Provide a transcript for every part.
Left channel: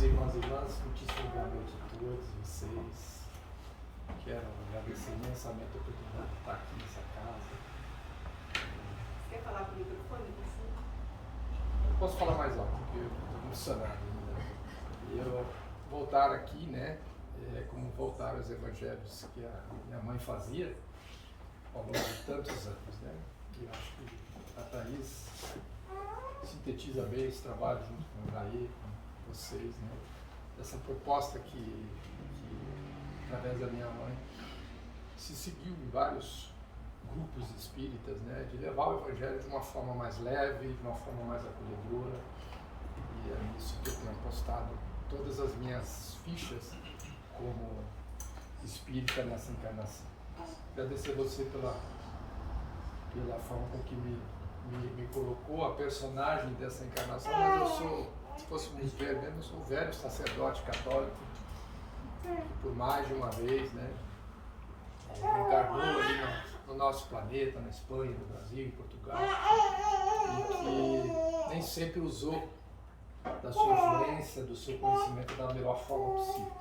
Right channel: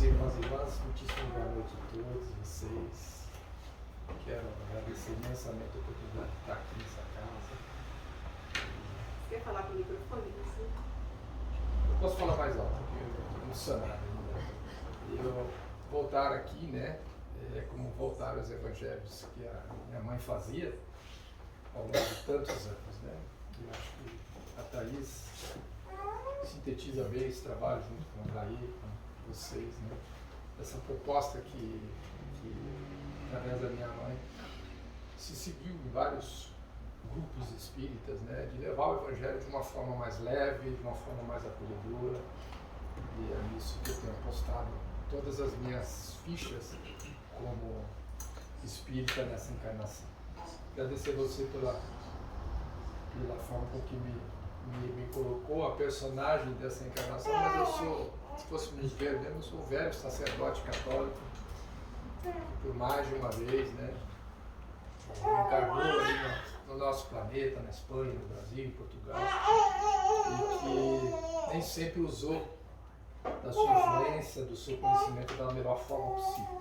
Queridos irmãos e irmãs, muitíssimo boa noite a todos vocês. Quero agradecer imensamente a oportunidade de estar aqui nessa casa. Você quer falar para o microfone? Eu posso falar mais alto, porque eu estou emocionado ainda. Eu voltar aqui, né, é como voltar aos evangelhos que a minha mãe fazia ao longo de tantos anos, né? E acho que a Thaís sintetiza bem esse trabalho junto com o Jair, com vocês, né? Essa proposta que através da minha mãe se seguiu em vários grupos espíritas, né? De levar o evangelho de uma forma mais leve, de uma forma mais acolhedora, e é nisso que eu tenho apostado todas as minhas fichas como espírita nessa encarnação. Agradecer você pela forma com que me colocou a personagem dessa encarnação, mas eu sou, se fôssemos ver mesmo, eu sou um velho sacerdote católico que por mais de uma vez, né, encarnou ali no nosso planeta, na Espanha, no Brasil, em Portugal, e que nem sempre usou da sua influência, do seu conhecimento da melhor forma possível.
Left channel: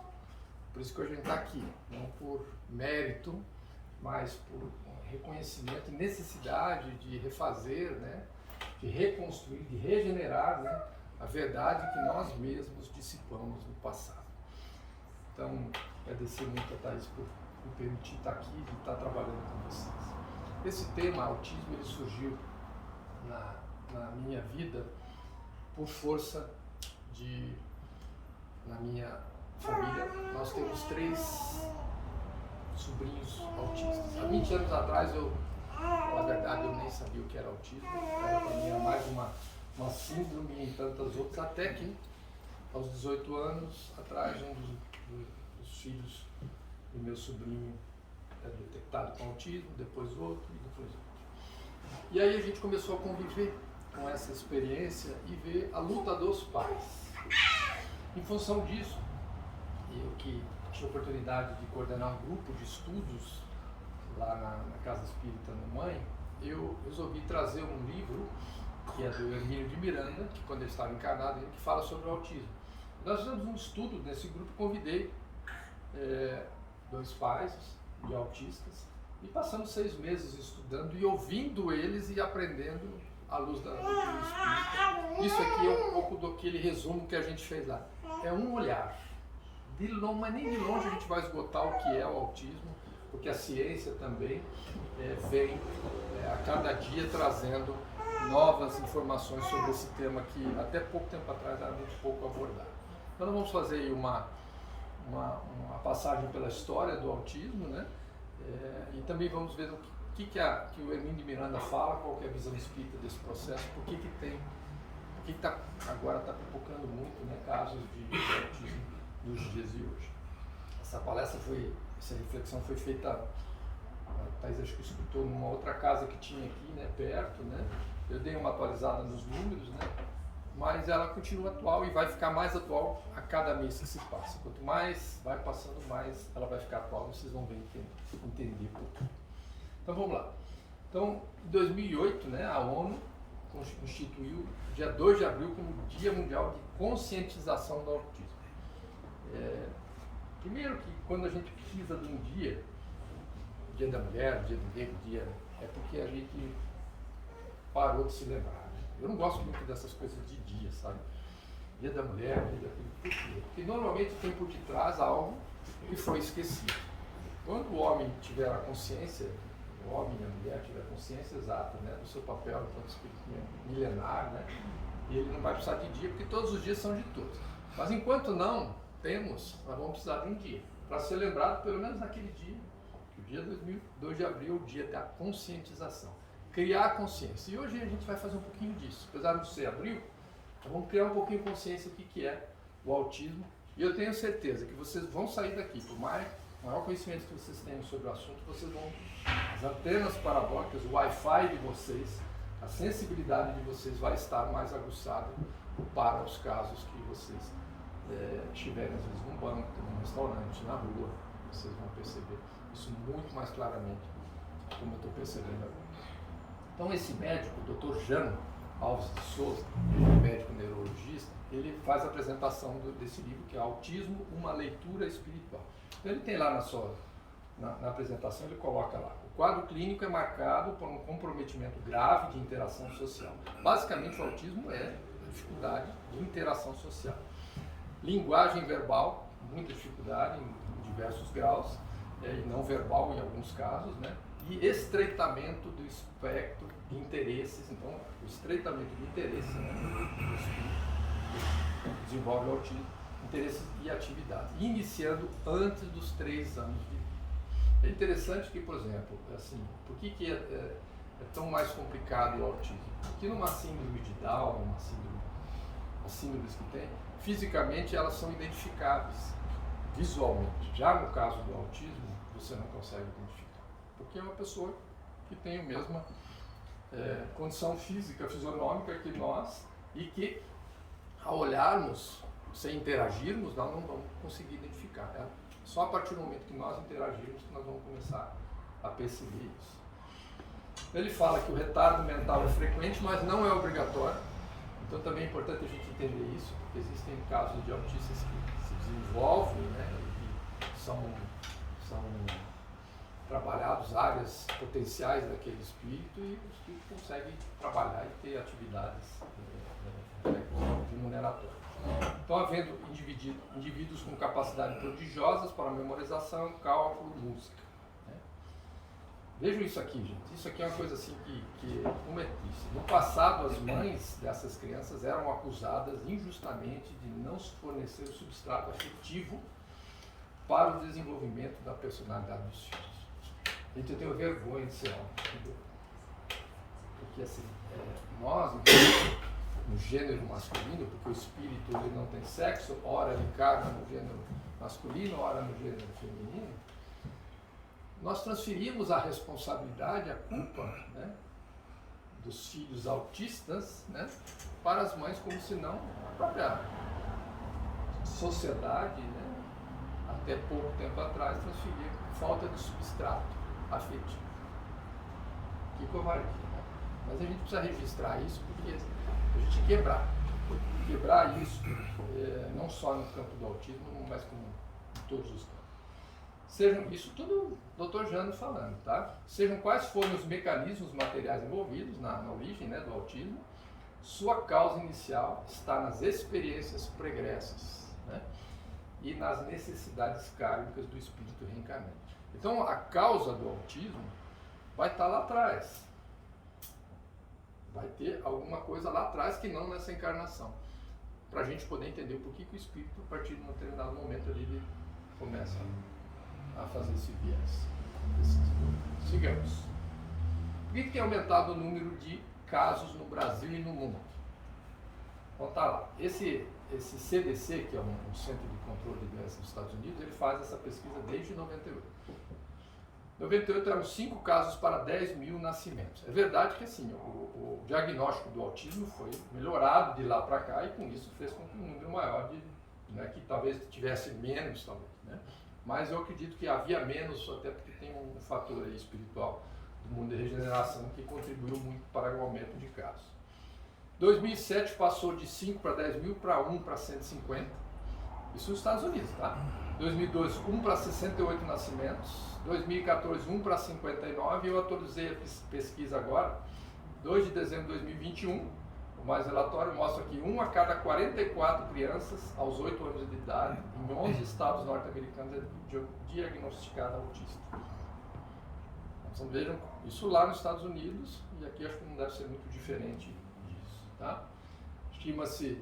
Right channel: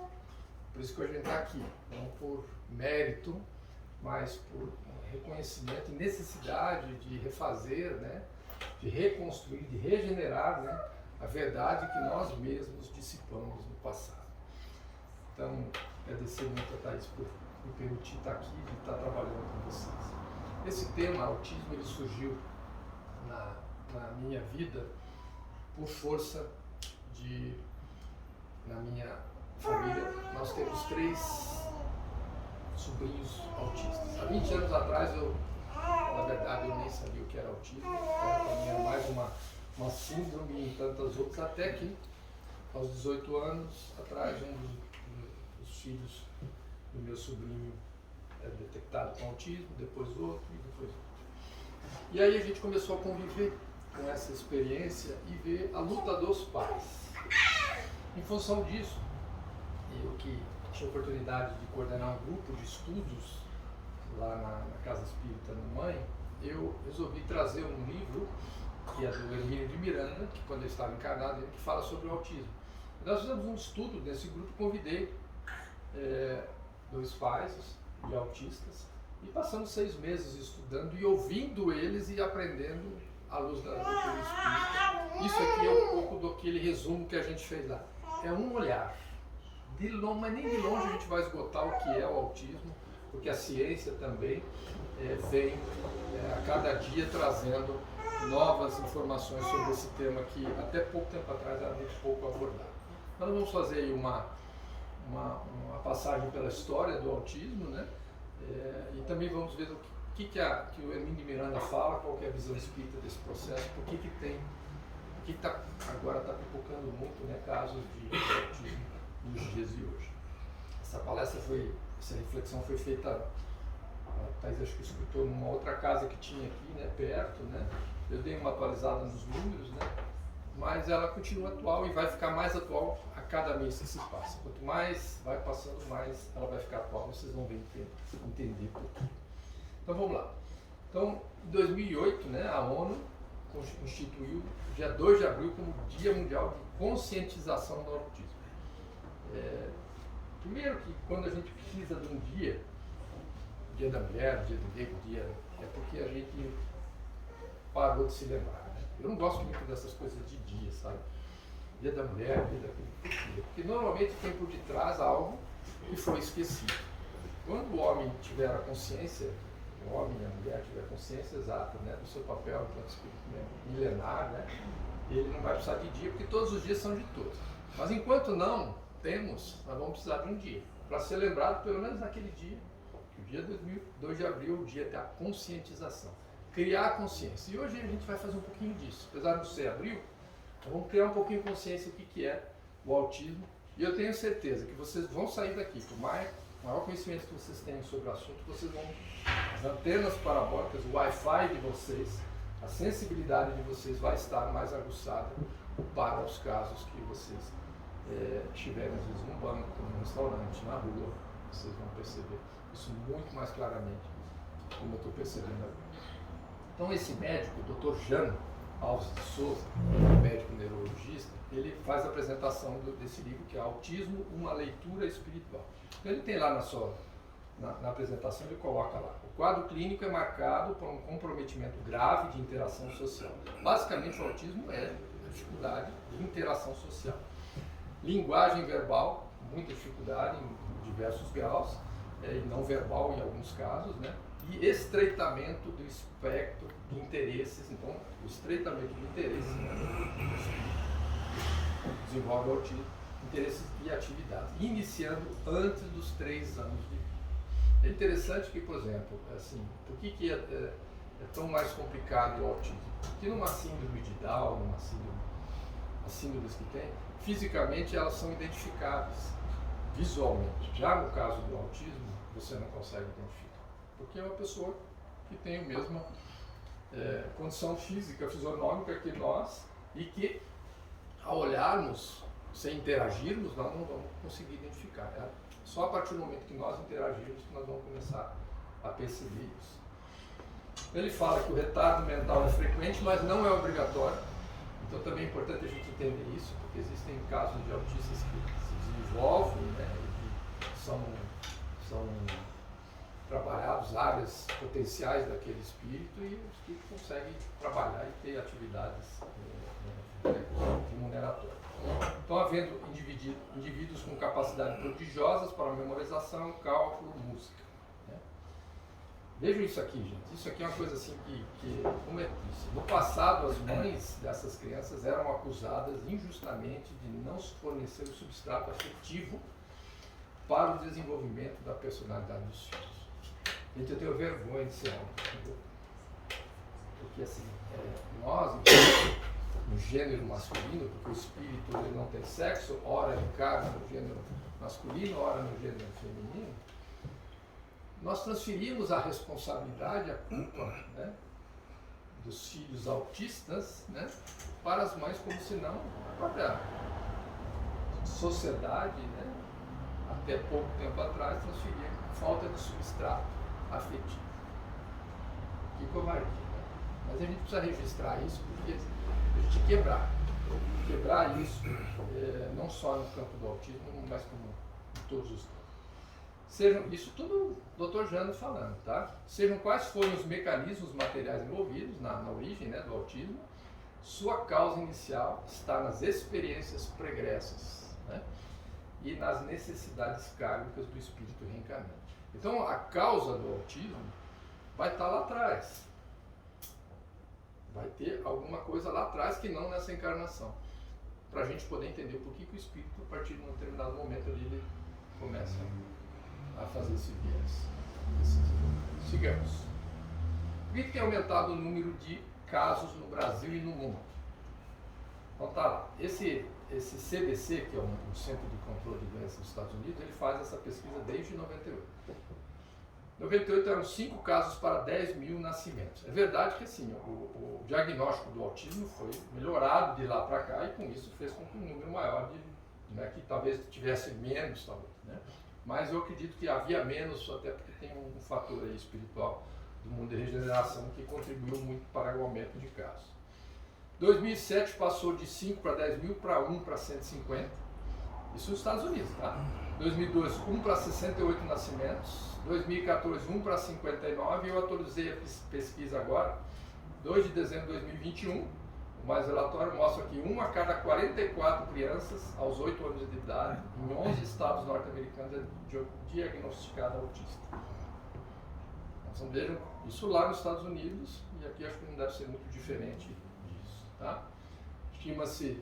Por isso que hoje a gente está aqui, não por mérito, mas por reconhecimento e necessidade de refazer, né, de reconstruir, de regenerar, né, a verdade que nós mesmos dissipamos no passado. Então, agradecer muito a Thaís por me permitir estar aqui e estar trabalhando com vocês. Esse tema, autismo, ele surgiu na minha vida por força de, na minha família, nós temos 3 sobrinhos autistas. Há 20 anos atrás, na verdade, eu nem sabia o que era autismo. Para mim era mais uma síndrome e tantas outras, até que, aos 18 anos atrás, um dos filhos do meu sobrinho é detectado com autismo, depois outro e depois outro. E aí a gente começou a conviver com essa experiência e ver a luta dos pais. Em função disso, eu que tinha a oportunidade de coordenar um grupo de estudos lá na Casa Espírita Mamãe, eu resolvi trazer um livro que é do Hermínio de Miranda, que quando ele estava encarnado, ele fala sobre o autismo. E nós fizemos um estudo nesse grupo, convidei 2 pais de autistas e passamos 6 meses estudando e ouvindo eles e aprendendo à luz da doutrina espírita. Isso aqui é um pouco daquele resumo que a gente fez lá. É um olhar. Mas nem de longe a gente vai esgotar o que é o autismo, porque a ciência também vem a cada dia trazendo novas informações sobre esse tema que até pouco tempo atrás era muito pouco abordado. Então nós vamos fazer aí uma passagem pela história do autismo, né? E também vamos ver o que o Hermínio de Miranda fala, qual que é a visão espírita desse processo, por que agora está pipocando muito, né, casos de autismo nos dias de hoje. Essa reflexão foi feita, a Thaís acho que escutou numa outra casa que tinha aqui, né, perto, né? Eu dei uma atualizada nos números, né? Mas ela continua atual e vai ficar mais atual a cada mês que se passa. Quanto mais vai passando, mais ela vai ficar atual e vocês vão ver entender por quê. Então vamos lá. Então, em 2008, né, a ONU instituiu o dia 2 de abril como Dia Mundial de Conscientização do Autismo. Primeiro que quando a gente precisa de um dia, Dia da Mulher, Dia do Negro, é porque a gente parou de se lembrar, né? Eu não gosto muito dessas coisas de dia, sabe? Dia da Mulher, Dia daquele. Por quê? Porque normalmente tem por detrás algo que foi esquecido. Quando o homem tiver a consciência, o homem e a mulher tiver a consciência exata, né, do seu papel enquanto espírito milenar, né, ele não vai precisar de dia, porque todos os dias são de todos. Mas enquanto não temos, nós vamos precisar de um dia, para ser lembrado pelo menos naquele dia, que o dia 2 de abril é o dia da conscientização. Criar a consciência. E hoje a gente vai fazer um pouquinho disso. Apesar de não ser abril, nós vamos criar um pouquinho de consciência do que é o autismo. E eu tenho certeza que vocês vão sair daqui, por maior conhecimento que vocês tenham sobre o assunto, as antenas parabólicas, o Wi-Fi de vocês, a sensibilidade de vocês vai estar mais aguçada para os casos que vocês estiverem, às vezes, num banco, num restaurante, na rua. Vocês vão perceber isso muito mais claramente, como eu estou percebendo agora. Então, esse médico, o Dr. Jano, Alves de Souza, médico neurologista, ele faz a apresentação desse livro, que é Autismo, uma leitura espiritual. Então ele tem lá na apresentação, ele coloca lá: o quadro clínico é marcado por um comprometimento grave de interação social. Basicamente, o autismo é a dificuldade de interação social. Linguagem verbal, muita dificuldade em diversos graus, e não verbal em alguns casos, né? E estreitamento do espectro de interesses. Então, o estreitamento de interesses, né, desenvolve o autismo, interesses e atividades, iniciando antes dos 3 anos de vida. É interessante que, por exemplo, assim, por que é tão mais complicado o autismo? Porque numa síndrome de Down, as síndromes que tem, fisicamente elas são identificáveis visualmente. Já no caso do autismo, você não consegue identificar, porque é uma pessoa que tem a mesma condição física, fisionômica que nós, e que, ao olharmos, sem interagirmos, nós não vamos conseguir identificar. Só a partir do momento que nós interagirmos que nós vamos começar a perceber isso. Ele fala que o retardo mental é frequente, mas não é obrigatório. Então também é importante a gente entender isso, porque existem casos de autistas que se desenvolvem, né, e que são trabalhados áreas potenciais daquele espírito, e o espírito consegue trabalhar e ter atividades remuneratórias. Então, havendo indivíduos com capacidades prodigiosas para memorização, cálculo, música. Né? Vejam isso aqui, gente. Isso aqui é uma coisa assim como é isso? No passado, as mães dessas crianças eram acusadas injustamente de não fornecer o substrato afetivo para o desenvolvimento da personalidade dos filhos. Gente, eu tenho vergonha de ser homem, entendeu? Porque assim, nós, no gênero masculino, porque o espírito ele não tem sexo, ora encarna no gênero masculino, ora no gênero feminino, nós transferimos a responsabilidade, a culpa, né, dos filhos autistas, né, para as mães, como se não a própria sociedade, né, até pouco tempo atrás, transferia falta de substrato afetivo. Que covardia, né? Mas a gente precisa registrar isso, porque a gente quebrar isso, não só no campo do autismo, mas como em todos os campos. Isso tudo o Dr. Jânio falando, tá? Sejam quais forem os mecanismos materiais envolvidos na origem, né, do autismo, sua causa inicial está nas experiências pregressas, né, e nas necessidades kármicas do espírito reencarnante. Então, a causa do autismo vai estar lá atrás. Vai ter alguma coisa lá atrás que não nessa encarnação. Para a gente poder entender o porquê que o espírito, a partir de um determinado momento, ele começa a fazer esse viés. Sigamos. Por que tem aumentado o número de casos no Brasil e no mundo? Então tá lá. Esse CDC, que é um Centro de Controle de Doenças dos Estados Unidos, ele faz essa pesquisa desde 98. 98 eram 5 casos para 10 mil nascimentos. É verdade que assim, o diagnóstico do autismo foi melhorado de lá para cá, e com isso fez com que um número maior né, que talvez tivesse menos, talvez, né? Mas eu acredito que havia menos, até porque tem um fator aí espiritual do mundo de regeneração que contribuiu muito para o aumento de casos. 2007 passou de 5 para 10 mil para 1 para 150, isso nos Estados Unidos, tá? 2002, 1 para 68 nascimentos, 2014, 1 para 59, e eu atualizei a pesquisa agora, 2 de dezembro de 2021, o mais relatório mostra que 1 a cada 44 crianças aos 8 anos de idade, em 11 estados norte-americanos, é diagnosticada autista. Então vejam, isso lá nos Estados Unidos, e aqui acho que não deve ser muito diferente disso, tá? Estima-se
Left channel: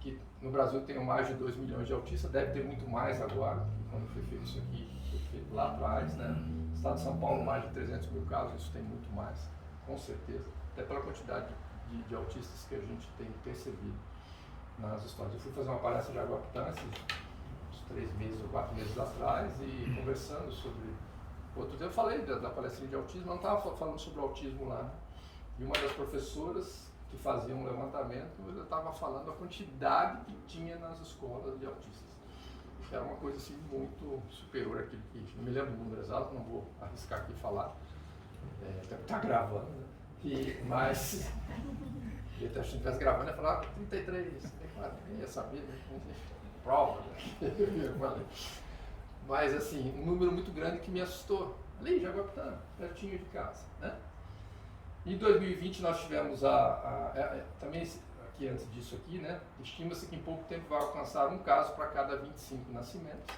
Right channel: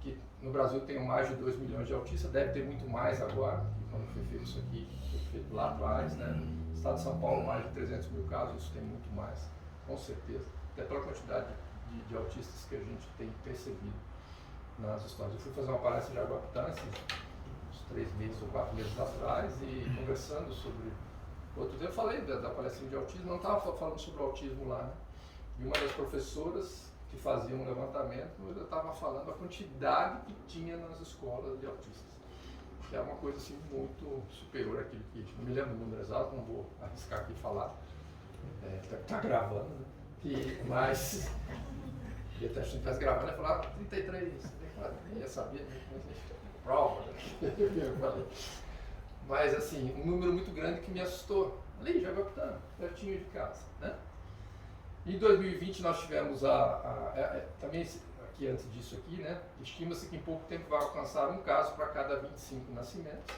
que no Brasil tem mais de 2 milhões de autistas, deve ter muito mais agora, que quando foi feito isso aqui, foi feito lá atrás, né? No estado de São Paulo, mais de 300 mil casos, isso tem muito mais, com certeza, até pela quantidade de autistas que a gente tem percebido nas histórias. Eu fui fazer uma palestra de Aguapitã, uns 3 meses ou 4 meses atrás, e conversando sobre outro dia, eu falei da palestra de autismo, não estava falando sobre o autismo lá, né? E uma das professoras que fazia um levantamento, eu estava falando a quantidade que tinha nas escolas de autistas, que era uma coisa assim muito superior àquilo que, não me lembro do número exato, não vou arriscar aqui falar, está gravando, né? Mas E até se a gente estivesse gravando, ia falar 33, 34, nem ia saber, né? Prova, né? Mas assim, um número muito grande que me assustou. Ali, Jaguapitã, pertinho de casa, né? Em 2020 nós tivemos também aqui antes disso aqui, né? Estima-se que em pouco tempo vai alcançar um caso para cada 25 nascimentos.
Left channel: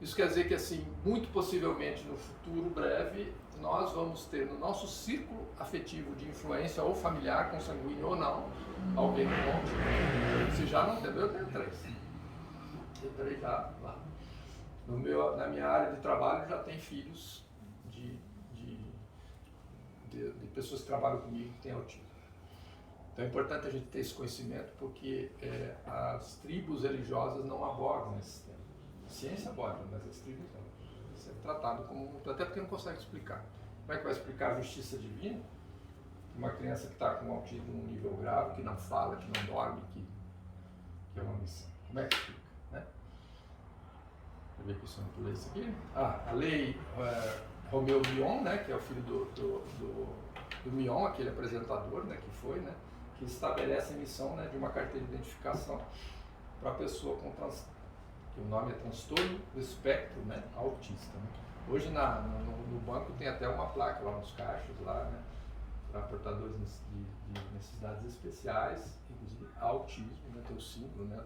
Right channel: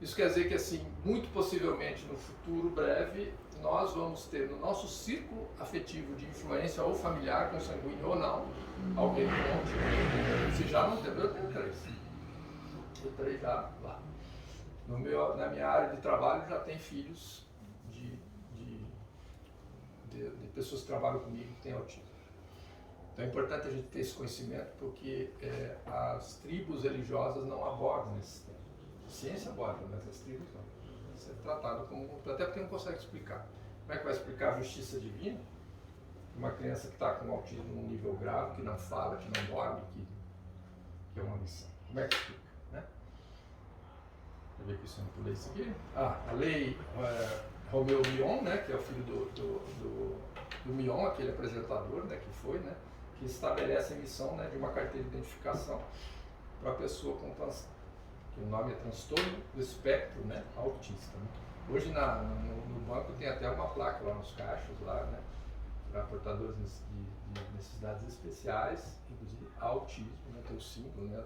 Isso quer dizer que assim, muito possivelmente no futuro breve, nós vamos ter no nosso círculo afetivo de influência ou familiar, consanguíneo ou não, alguém com autismo. Se já não teve, eu tenho 3. Tenho 3 já lá. Na minha área de trabalho já tem filhos de pessoas que trabalham comigo que têm autismo. Então é importante a gente ter esse conhecimento porque as tribos religiosas não abordam esse tema. A ciência aborda, mas as tribos não. Isso é tratado como... Até porque não consegue explicar. Como é que vai explicar a justiça divina? Uma criança que está com autismo num nível grave, que não fala, que não dorme, que é uma missão. Como é que explica? Né? Deixa eu ver aqui se eu não pulei isso aqui. A lei Romeu Mion, né, que é o filho do Mion, aquele apresentador, né, que foi, né, que estabelece a emissão, né, de uma carteira de identificação para a pessoa com que o nome é transtorno do espectro, né, autista. Né. Hoje no banco tem até uma placa lá nos caixas, lá, né, para portadores de necessidades especiais, inclusive autismo, né, tem o símbolo, né,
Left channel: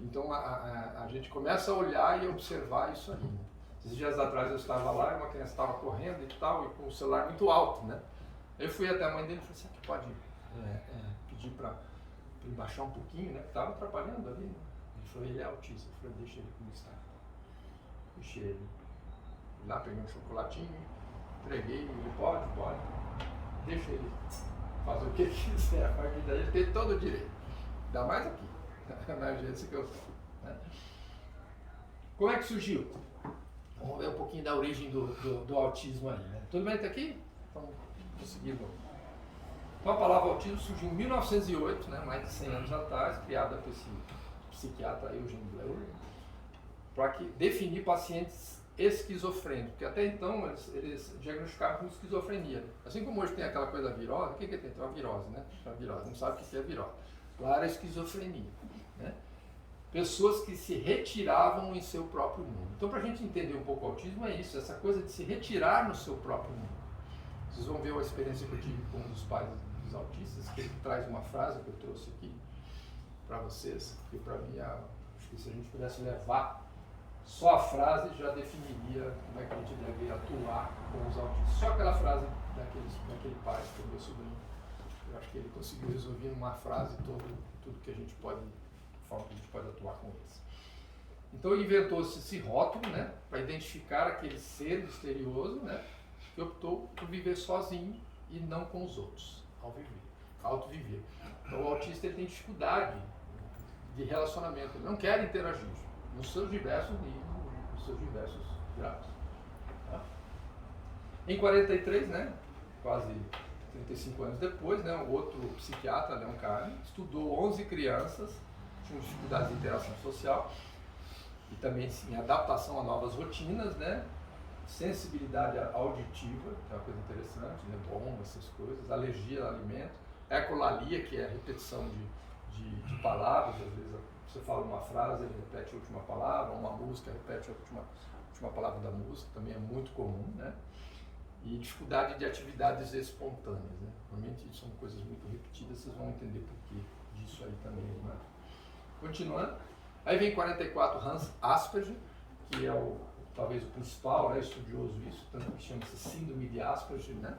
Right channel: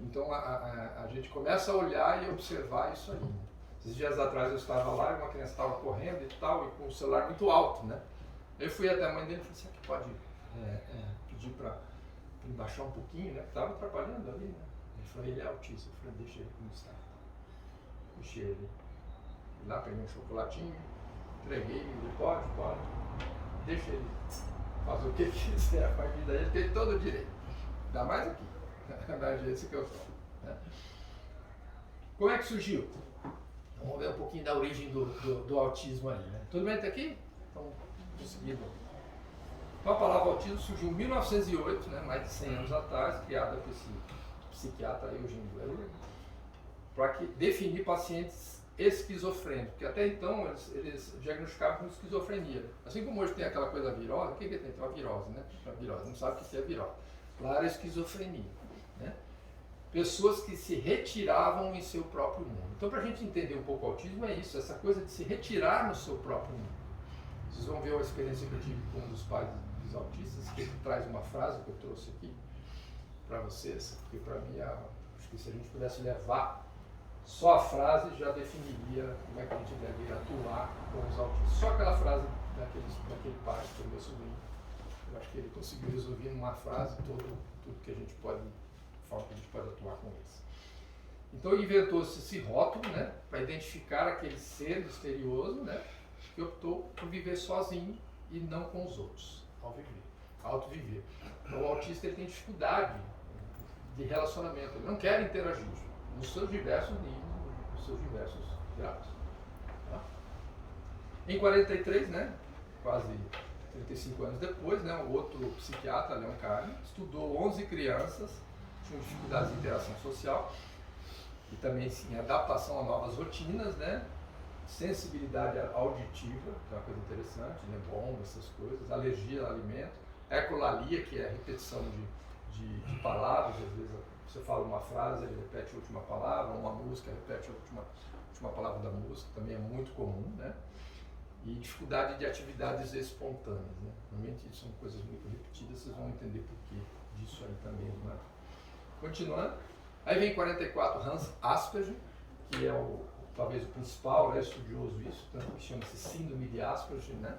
então a gente começa a olhar e observar isso aí. Né. Esses dias atrás eu estava lá e uma criança estava correndo e tal, e com o celular muito alto, né. Eu fui até a mãe dele e falei, será que pode pedir para ele baixar um pouquinho, né, que estava atrapalhando ali, né. Ele falou, ele é autista. Eu falei, deixa ele como está. Deixei ele. Fui lá, peguei um chocolatinho, entreguei, ele pode, deixa ele fazer o que ele quiser, a partir daí ele tem todo o direito. Ainda mais aqui, na agência que eu estou. Né? Como é que surgiu? Vamos ver um pouquinho da origem do autismo aí. Né? Tudo bem até aqui? Vamos seguindo. Então a palavra autismo surgiu em 1908, né, mais de 100 anos atrás, criada por esse psiquiatra Eugene Bleuler, para definir pacientes esquizofrênicos, porque até então eles diagnosticavam com esquizofrenia. Assim como hoje tem aquela coisa virose, o que tem? Tem uma virose, né? Uma virose, não sabe o que é virose. Lá era esquizofrenia. Né? Pessoas que se retiravam em seu próprio mundo. Então, para a gente entender um pouco o autismo, é isso, essa coisa de se retirar no seu próprio mundo. Vocês vão ver a experiência que eu tive com um dos pais dos autistas, que ele traz uma frase que eu trouxe aqui para vocês, que para mim, acho que se a gente pudesse levar só a frase já definiria como é que a gente deve atuar com os autistas. Só aquela frase daquele pai, que é o meu sobrinho. Eu acho que ele conseguiu resolver numa frase tudo que a gente pode, a forma que a gente pode atuar com eles. Então inventou-se esse rótulo, né, para identificar aquele ser misterioso, né, que optou por viver sozinho e não com os outros, ao viver, autoviver. Então o autista ele tem dificuldade de relacionamento, ele não quer interagir nos seus diversos níveis, nos seus diversos graus. Tá? Em 43, né, quase 35 anos depois, né, o outro psiquiatra, Leon Carne, estudou 11 crianças que tinham dificuldades de interação social e também em adaptação a novas rotinas, né, sensibilidade auditiva, que é uma coisa interessante, né, bomba, essas coisas, alergia a alimento, ecolalia, que é a repetição de palavras, às vezes você fala uma frase, ele repete a última palavra, uma música, repete a última palavra da música, também é muito comum, né? E dificuldade de atividades espontâneas, né? Normalmente são coisas muito repetidas, vocês vão entender por que disso aí também, né? Continuando, aí vem 44 Hans Asperger, que é talvez o principal, né, estudioso disso, tanto que chama-se síndrome de Asperger, né?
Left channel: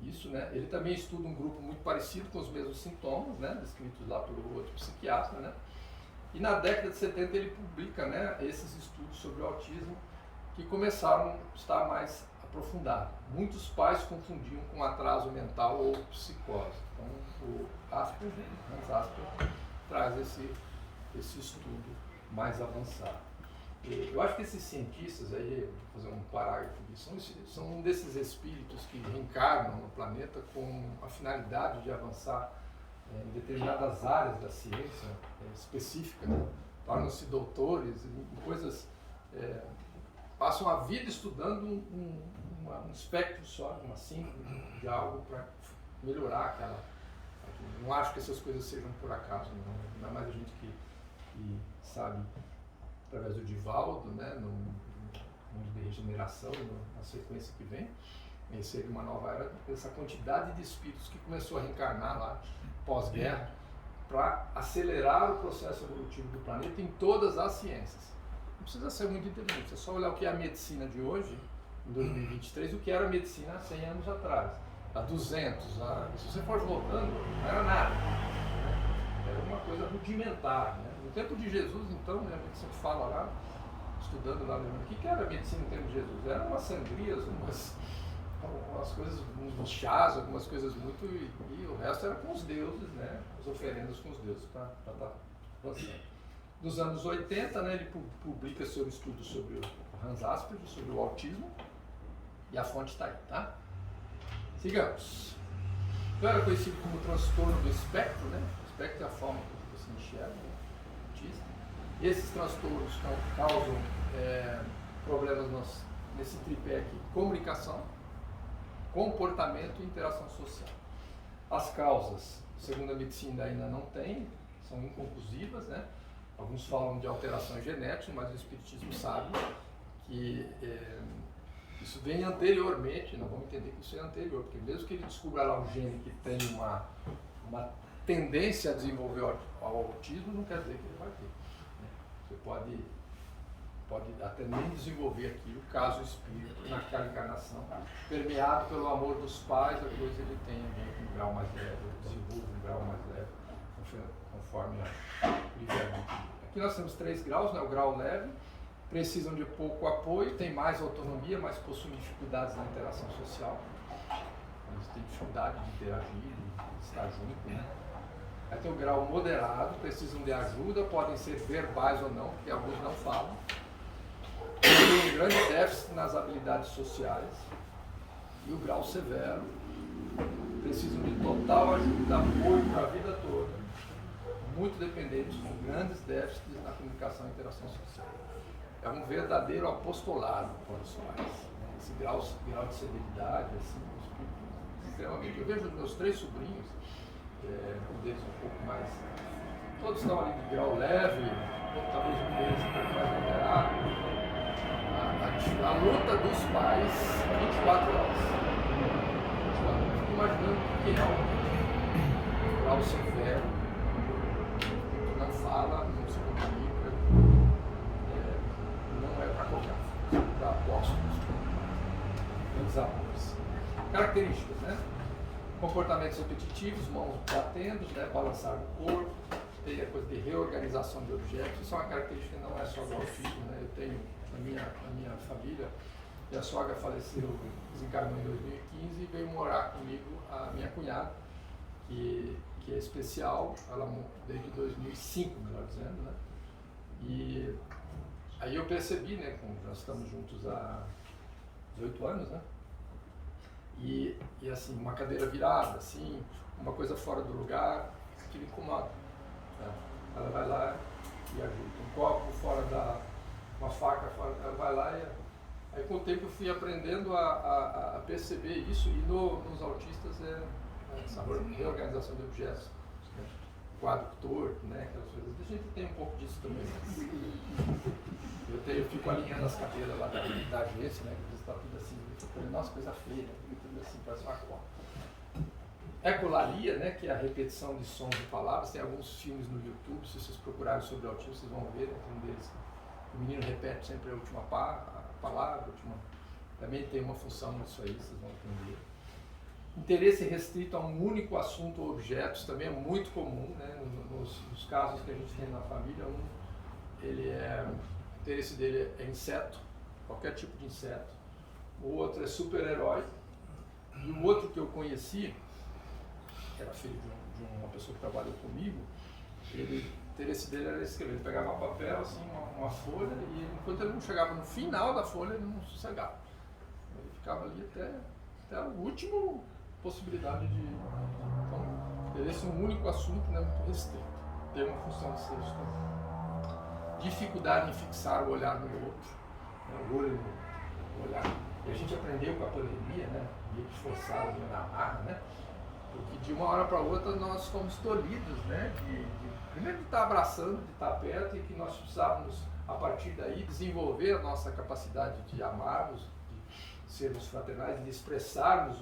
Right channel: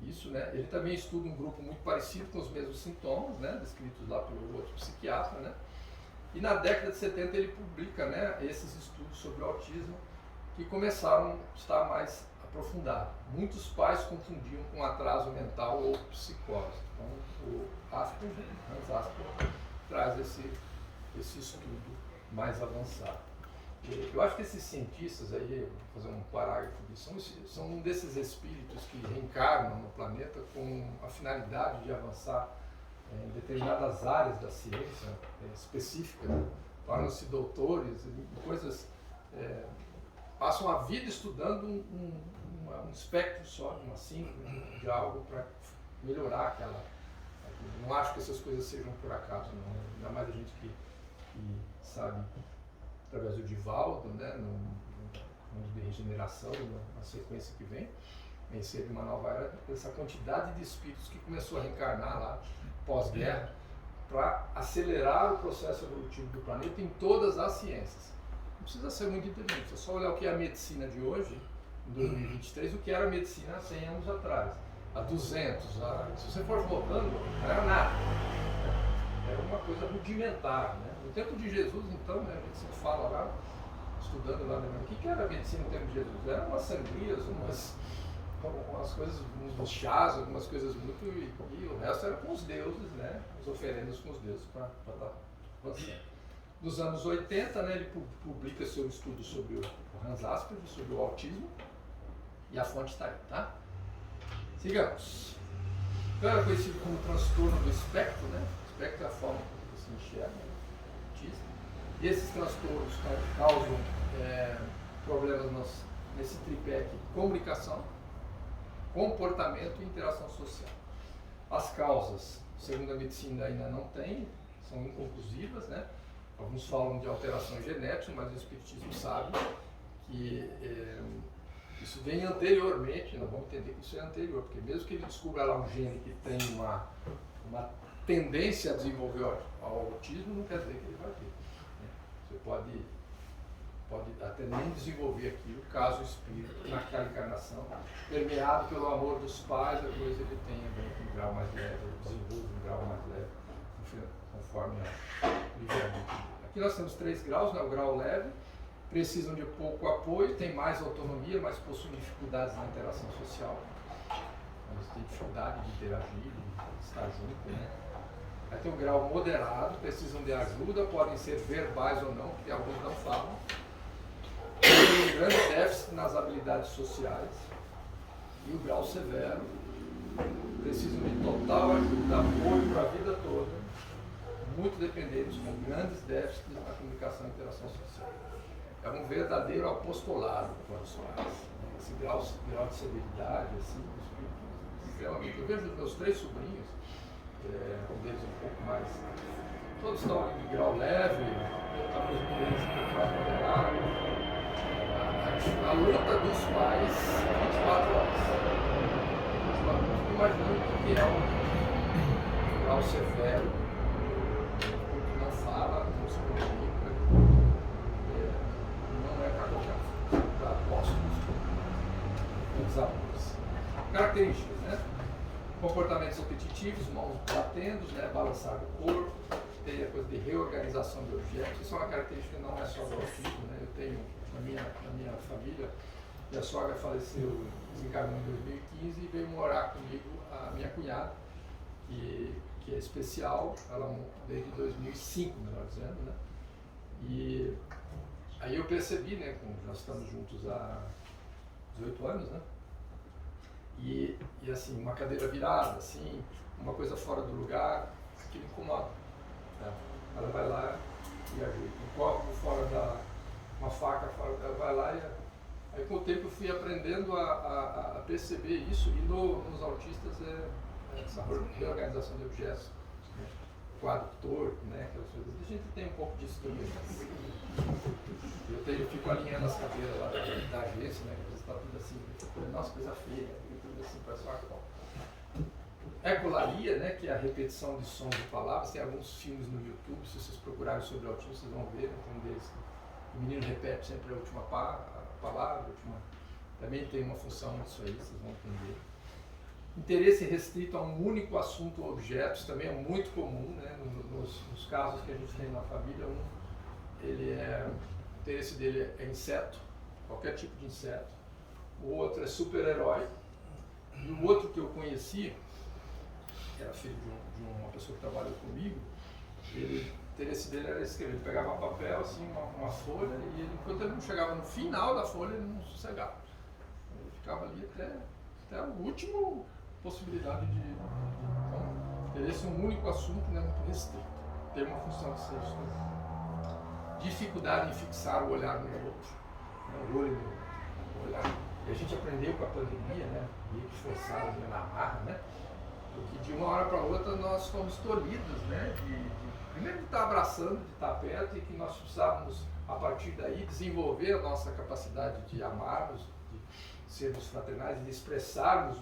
Isso, né? Ele também estuda um grupo muito parecido com os mesmos sintomas, né, descritos lá pelo outro psiquiatra, né? E na década de 70 ele publica, né, esses estudos sobre o autismo que começaram a estar mais aprofundados. Muitos pais confundiam com atraso mental ou psicose. Então o Asperger, Hans Asperger, traz esse estudo mais avançado. Eu acho que esses cientistas aí, vou fazer um parágrafo disso, são um desses espíritos que reencarnam no planeta com a finalidade de avançar em determinadas áreas da ciência específicas, né? Tornam-se doutores em coisas, passam a vida estudando um espectro só, uma síntese de algo para melhorar Não acho que essas coisas sejam por acaso, não. Ainda mais a gente que sabe, através do Divaldo, né, no mundo de regeneração, na sequência que vem, esse é de uma nova era, essa quantidade de espíritos que começou a reencarnar lá pós-guerra para acelerar o processo evolutivo do planeta em todas as ciências. Não precisa ser muito inteligente, é só olhar o que é a medicina de hoje, em 2023, o que era a medicina há 100 anos atrás, há 200, se você for voltando, não era nada. Era uma coisa rudimentar, né? No tempo de Jesus, então, né, a gente sempre fala lá, estudando lá, o que era a medicina no tempo de Jesus? Eram umas sangrias, umas coisas, uns chás, algumas coisas muito, e o resto era com os deuses, né? As oferendas com os deuses para estar avançando. Nos anos 80, né, ele publica seu estudo sobre o Hans Asperger, sobre o autismo, e a fonte está aí, tá? Sigamos. Então era conhecido como transtorno do espectro, né? O espectro é a forma como você enxerga, né? Autista. Esses transtornos causam problemas nesse tripé aqui: comunicação, comportamento e interação social. As causas, segundo a medicina, ainda não tem, são inconclusivas, né? Alguns falam de alterações genéticas, mas o espiritismo sabe que isso vem anteriormente. Nós vamos entender que isso é anterior, porque mesmo que ele descubra lá um gene que tem uma tendência a desenvolver o autismo, não quer dizer que ele vai ter, né? Você pode até nem desenvolver aquilo, caso o espírito, naquela encarnação, permeado pelo amor dos pais, a coisa ele tenha um grau mais leve, ou desenvolve um grau mais leve, conforme o livre-arbítrio. Aqui nós temos 3 graus, né? O grau leve, precisam de pouco apoio, têm mais autonomia, mas possuem dificuldades na interação social. Eles têm dificuldade de interagir, de estar junto, né? Aí tem o grau moderado, precisam de ajuda, podem ser verbais ou não, porque alguns não falam. Tem um grande déficit nas habilidades sociais. E o grau severo, precisam de total ajuda, apoio para a vida toda, muito dependentes, com grandes déficits na comunicação e interação social. É um verdadeiro apostolado para os pais. Esse grau de severidade, assim, sinceramente, eu vejo os meus 3 sobrinhos, um deles um pouco mais, todos estão ali de grau leve, talvez um deles um pouco mais moderado. A luta dos pais 24 horas. Eu fico imaginando o que é um grau severo, não fala, não se comunica, não é para qualquer um, para apóstolos, grandes amores. Características, né? Comportamentos repetitivos, mãos batendo, né? Balançar do corpo, tem a coisa de reorganização de objetos. Isso é uma característica que não é só do autismo, né? Eu tenho na minha família, minha sogra faleceu, desencarnou em 2015 e veio morar comigo a minha cunhada, que é especial, ela desde 2005, melhor dizendo, né? E aí eu percebi, né, como nós estamos juntos há 18 anos, né? E assim, uma cadeira virada, assim, uma coisa fora do lugar, aquilo incomoda, né? Ela vai lá e ajuda. Um copo fora uma faca fora, ela vai lá e... Aí com o tempo eu fui aprendendo a perceber isso, e nos autistas essa reorganização de objetos, né? Quadro torto, né? Aquelas coisas. A gente tem um pouco disso também. Eu fico alinhando as cadeiras lá da agência, né? Que está tudo assim, nossa, coisa feia, tudo assim, parece uma copa. Ecolalia, né? Que é a repetição de sons e palavras. Tem alguns filmes no YouTube, se vocês procurarem sobre autismo, vocês vão ver, né? Tem um deles. O menino repete sempre a última palavra, também tem uma função nisso aí, vocês vão entender. Interesse restrito a um único assunto ou objeto, isso também é muito comum, né? Nos casos que a gente tem na família, o interesse dele é inseto, qualquer tipo de inseto. O outro é super-herói. E o outro que eu conheci, que era filho de uma pessoa que trabalhou comigo, o interesse dele era escrever. Ele pegava um papel, assim, uma folha, e enquanto ele não chegava no final da folha, ele não sossegava. Ele ficava ali até a última possibilidade de... Então, interesse em um único assunto, né, muito restrito. Tem uma função de ser isso. Dificuldade em fixar o olhar no outro, né, o olho no olhar. E a gente aprendeu com a pandemia, né, meio que forçado, na marra, né? Porque de uma hora para outra nós fomos tolhidos, né? Primeiro de estar abraçando, de estar perto, e que nós precisávamos, a partir daí, desenvolver a nossa capacidade de amarmos, de sermos fraternais, de expressarmos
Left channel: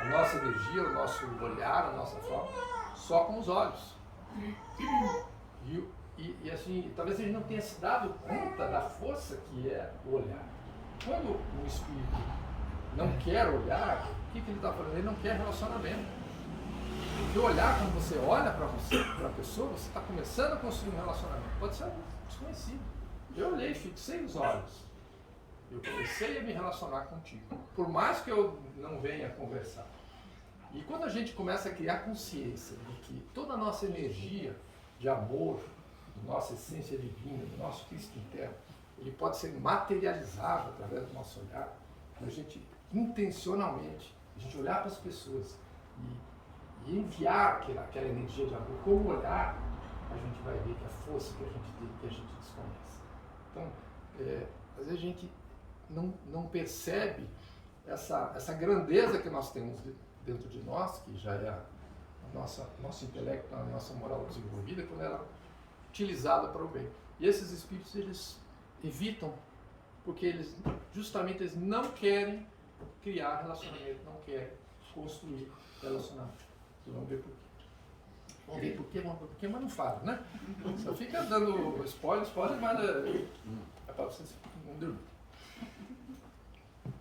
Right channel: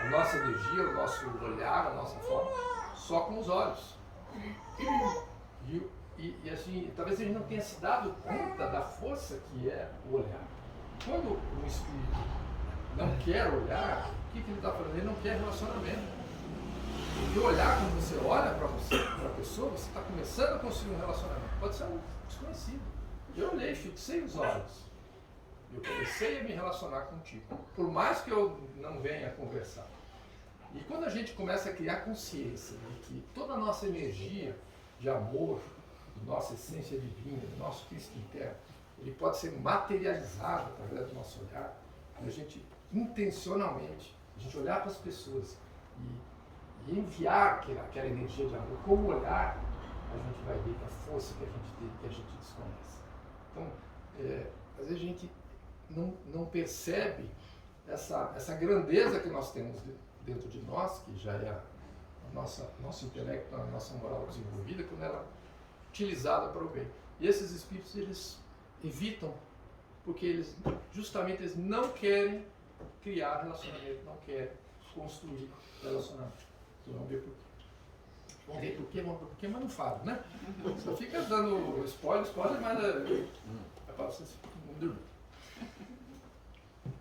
a nossa energia, o nosso olhar, a nossa forma, só com os olhos. E assim, talvez a gente não tenha se dado conta da força que é o olhar. Quando um espírito não quer olhar, o que ele está falando? Ele não quer relacionamento. Porque olhar, quando você olha para a pessoa, você está começando a construir um relacionamento. Pode ser um desconhecido. Eu olhei, fixei os olhos. Eu comecei a me relacionar contigo. Por mais que eu não venha conversar. E quando a gente começa a criar consciência de que toda a nossa energia de amor, nossa essência divina, do nosso Cristo interno, ele pode ser materializado através do nosso olhar, a gente intencionalmente, a gente olhar para as pessoas e enviar aquela energia de amor com o olhar, a gente vai ver que a força que a gente tem, que a gente desconhece. Então, às vezes a gente não percebe essa grandeza que nós temos dentro de nós, que já é nosso intelecto, a nossa moral desenvolvida, quando ela é utilizada para o bem. E esses espíritos, eles evitam, porque eles não querem criar relacionamento, não querem construir relacionamento. Vamos ver por quê. Vamos ver por quê, mas não fala, né? Só fica dando spoiler, mas é para vocês não dormir.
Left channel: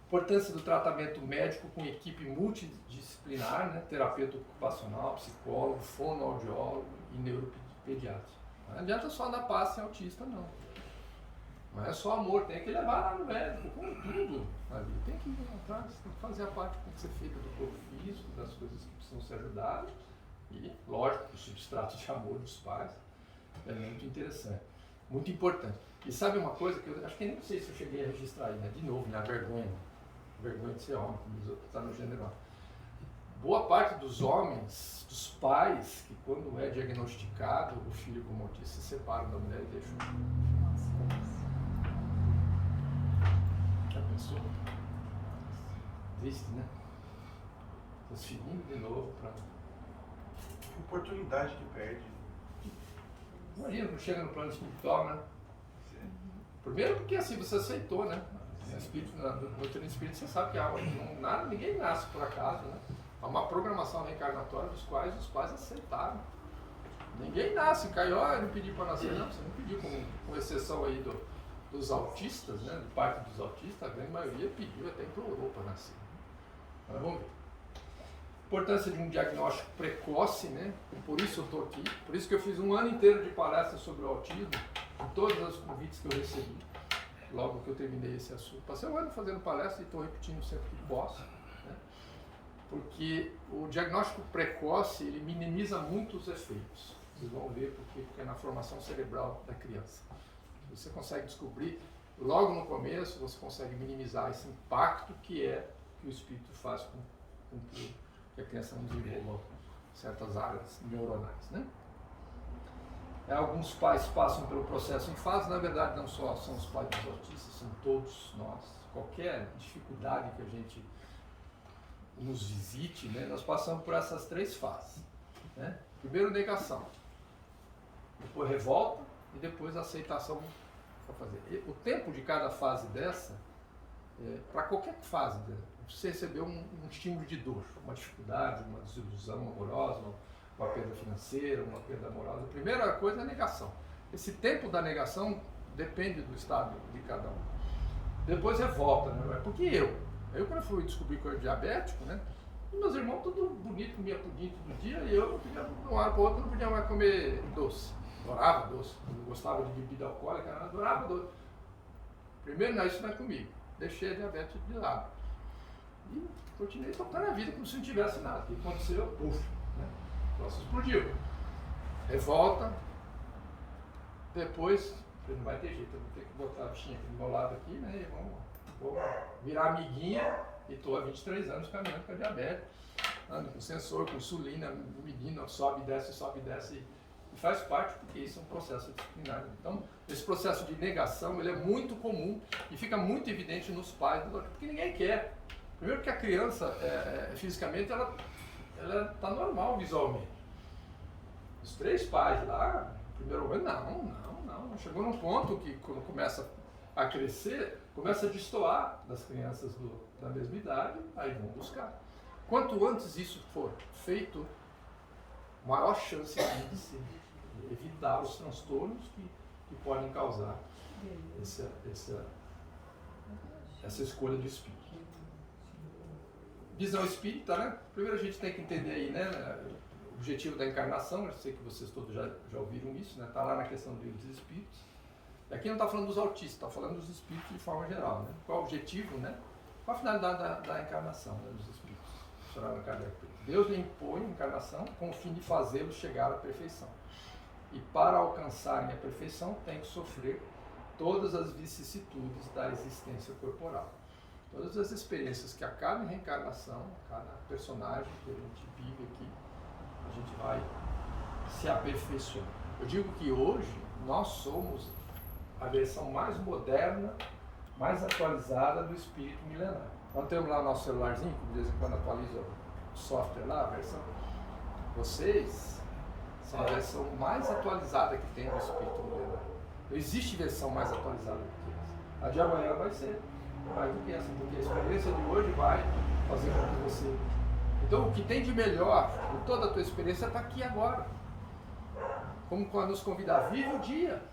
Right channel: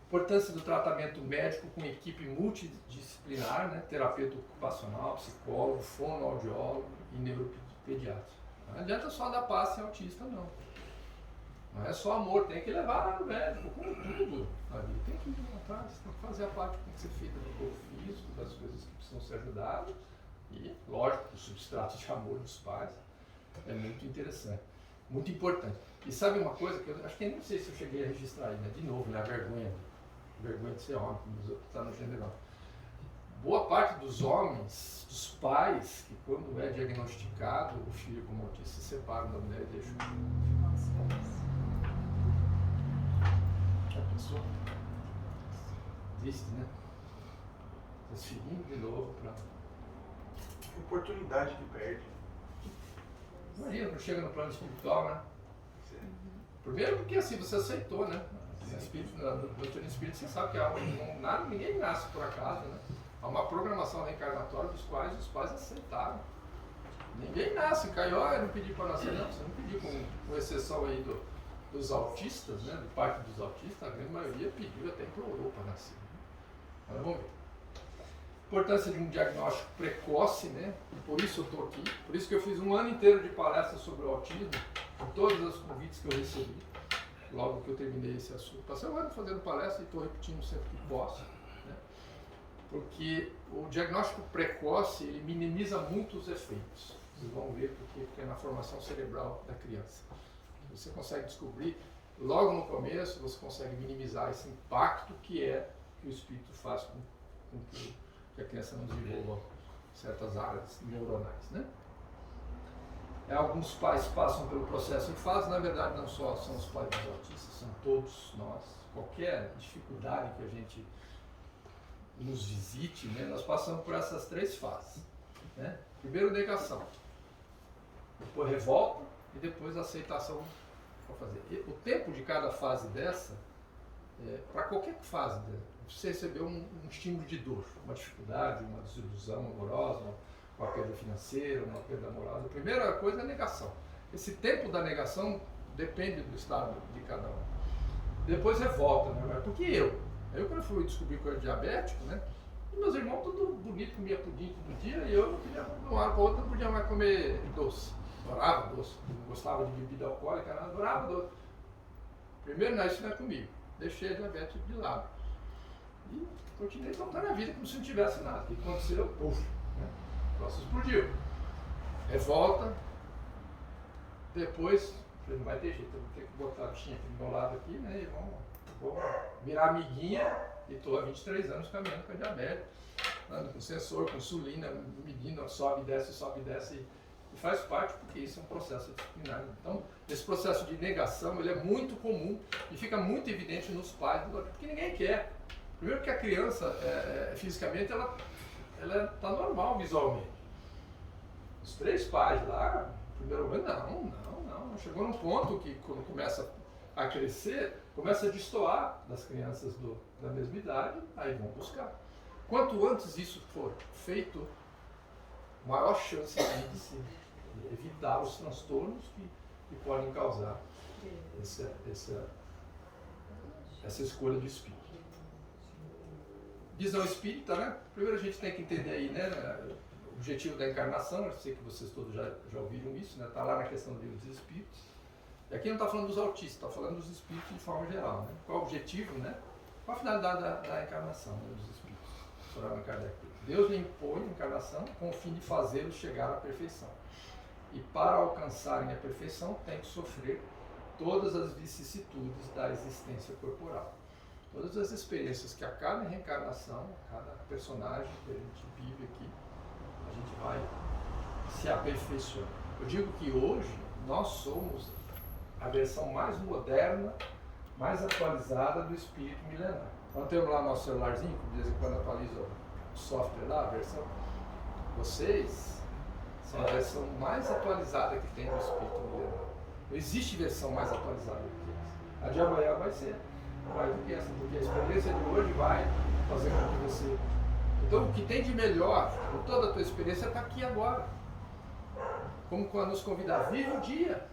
Importância do tratamento médico com equipe multidisciplinar, né? Terapeuta ocupacional, psicólogo, fonoaudiólogo e neuropediatra. Não adianta só dar passe em autista, não. Não é só amor, tem que levar lá no médico, com tudo ali. Tem que ir atrás, tem que fazer a parte que tem que ser feita do corpo físico, das coisas que precisam ser ajudadas. E, lógico, o substrato de amor dos pais é muito interessante, muito importante. E sabe uma coisa que eu acho que nem sei se eu cheguei a registrar aí, né? De novo, né? A vergonha de ser homem, como está no general. Boa parte dos homens, dos pais, que quando é diagnosticado o filho como autista, se separam da mulher e deixam. Já pensou? Triste, né? Transferindo de novo para. Oportunidade que perde. Imagina quando chega no plano espiritual, né? Sim. Primeiro porque assim você aceitou, né? No espírito, no espírito você sabe que ninguém nasce por acaso, né? Há uma programação reencarnatória dos quais os pais aceitaram. Ninguém nasce, caiu, eu não pedi para nascer, não, você não pediu, com exceção aí dos autistas, né? Do parte dos autistas, a grande maioria pediu, até implorou para nascer. Agora vamos ver. Importância de um diagnóstico precoce, né? E por isso eu estou aqui, por isso que eu fiz um ano inteiro de palestras sobre o autismo, com todos os convites que eu recebi, logo que eu terminei esse assunto. Passei um ano fazendo palestra e estou repetindo sempre que posso, né? Porque o diagnóstico precoce, ele minimiza muito os efeitos. Vocês vão ver porque é na formação cerebral da criança. Você consegue descobrir, logo no começo, você consegue minimizar esse impacto que o espírito faz com que a criança não desenvolva certas áreas neuronais, né? Alguns pais passam pelo processo em fase, na verdade não só são os pais dos autistas, são todos nós. Qualquer dificuldade que a gente nos visite, né, nós passamos por essas três fases, né? Primeiro negação, depois revolta e depois aceitação para fazer. E o tempo de cada fase dessa, para qualquer fase dela, você recebeu um estímulo de dor, uma dificuldade, uma desilusão amorosa, uma perda financeira, uma perda moral. A primeira coisa é a negação. Esse tempo da negação depende do estado de cada um. Depois revolta, né? Porque eu quando eu fui descobrir que eu era diabético, né? E meus irmãos tudo bonito, comia pudim todo dia, e eu não podia, de uma hora para outra, não podia mais comer doce. Adorava doce, não gostava de bebida alcoólica, não, adorava doce. Primeiro, não, isso não é comigo. Deixei a diabetes de lado. E continuei tocando a vida como se não tivesse nada. O que aconteceu? Puf, né? O negócio explodiu. Revolta. Depois, não vai ter jeito, eu vou ter que botar a bichinha aqui do meu lado aqui, né? E vou virar amiguinha. E estou há 23 anos caminhando com a diabetes. Ando com sensor, com insulina, medindo, sobe e desce. E faz parte, porque isso é um processo disciplinar. Então, esse processo de negação, ele é muito comum e fica muito evidente nos pais, porque ninguém quer. Primeiro que a criança, fisicamente, ela ela está normal visualmente. Os 3 pais lá, no primeiro momento, não. Chegou num ponto que, quando começa a crescer, começa a destoar das crianças da mesma idade, aí vão buscar. Quanto antes isso for feito, maior chance de se evitar os transtornos que podem causar essa escolha do espírito. Visão espírita, né? Primeiro a gente tem que entender aí, né, o objetivo da encarnação. Eu sei que vocês todos já ouviram isso, né? Está lá na questão dos espíritos. E aqui não está falando dos autistas, está falando dos espíritos de forma geral, né? Qual o objetivo, né? Qual a finalidade da encarnação, né, dos espíritos? Deus lhe impõe a encarnação com o fim de fazê-los chegar à perfeição. E para alcançarem a perfeição, tem que sofrer todas as vicissitudes da existência corporal. Todas as experiências que a cada reencarnação, a cada personagem que a gente vive aqui, a gente vai se aperfeiçoando. Eu digo que hoje nós somos a versão mais moderna, mais atualizada do espírito milenar. Nós temos lá nosso celularzinho, que de vez em quando atualiza o software lá, a versão. Vocês são a versão mais atualizada que tem do espírito milenar. Não existe versão mais atualizada do que essa. A de amanhã vai ser mais do que essa, porque a experiência de hoje vai fazer com que você... Então, o que tem de melhor em toda a tua experiência está aqui agora. Como quando nos convidar, vive o dia,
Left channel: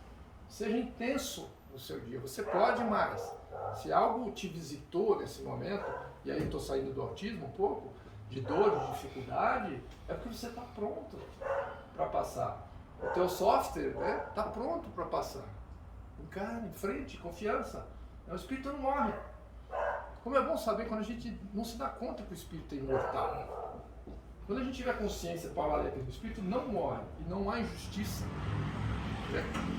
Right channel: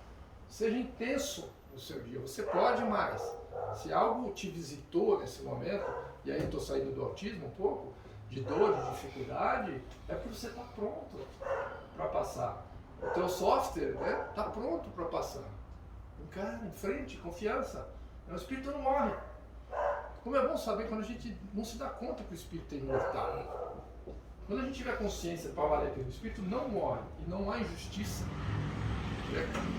seja intenso no seu dia, você pode mais. Se algo te visitou nesse momento, e aí estou saindo do autismo um pouco, de dor, de dificuldade, é porque você está pronto para passar. O teu software está pronto para passar. Encara, em frente, confiança. O espírito não morre. Como é bom saber quando a gente não se dá conta que o espírito é imortal. Quando a gente tiver consciência para valer que o espírito não morre e não há injustiça,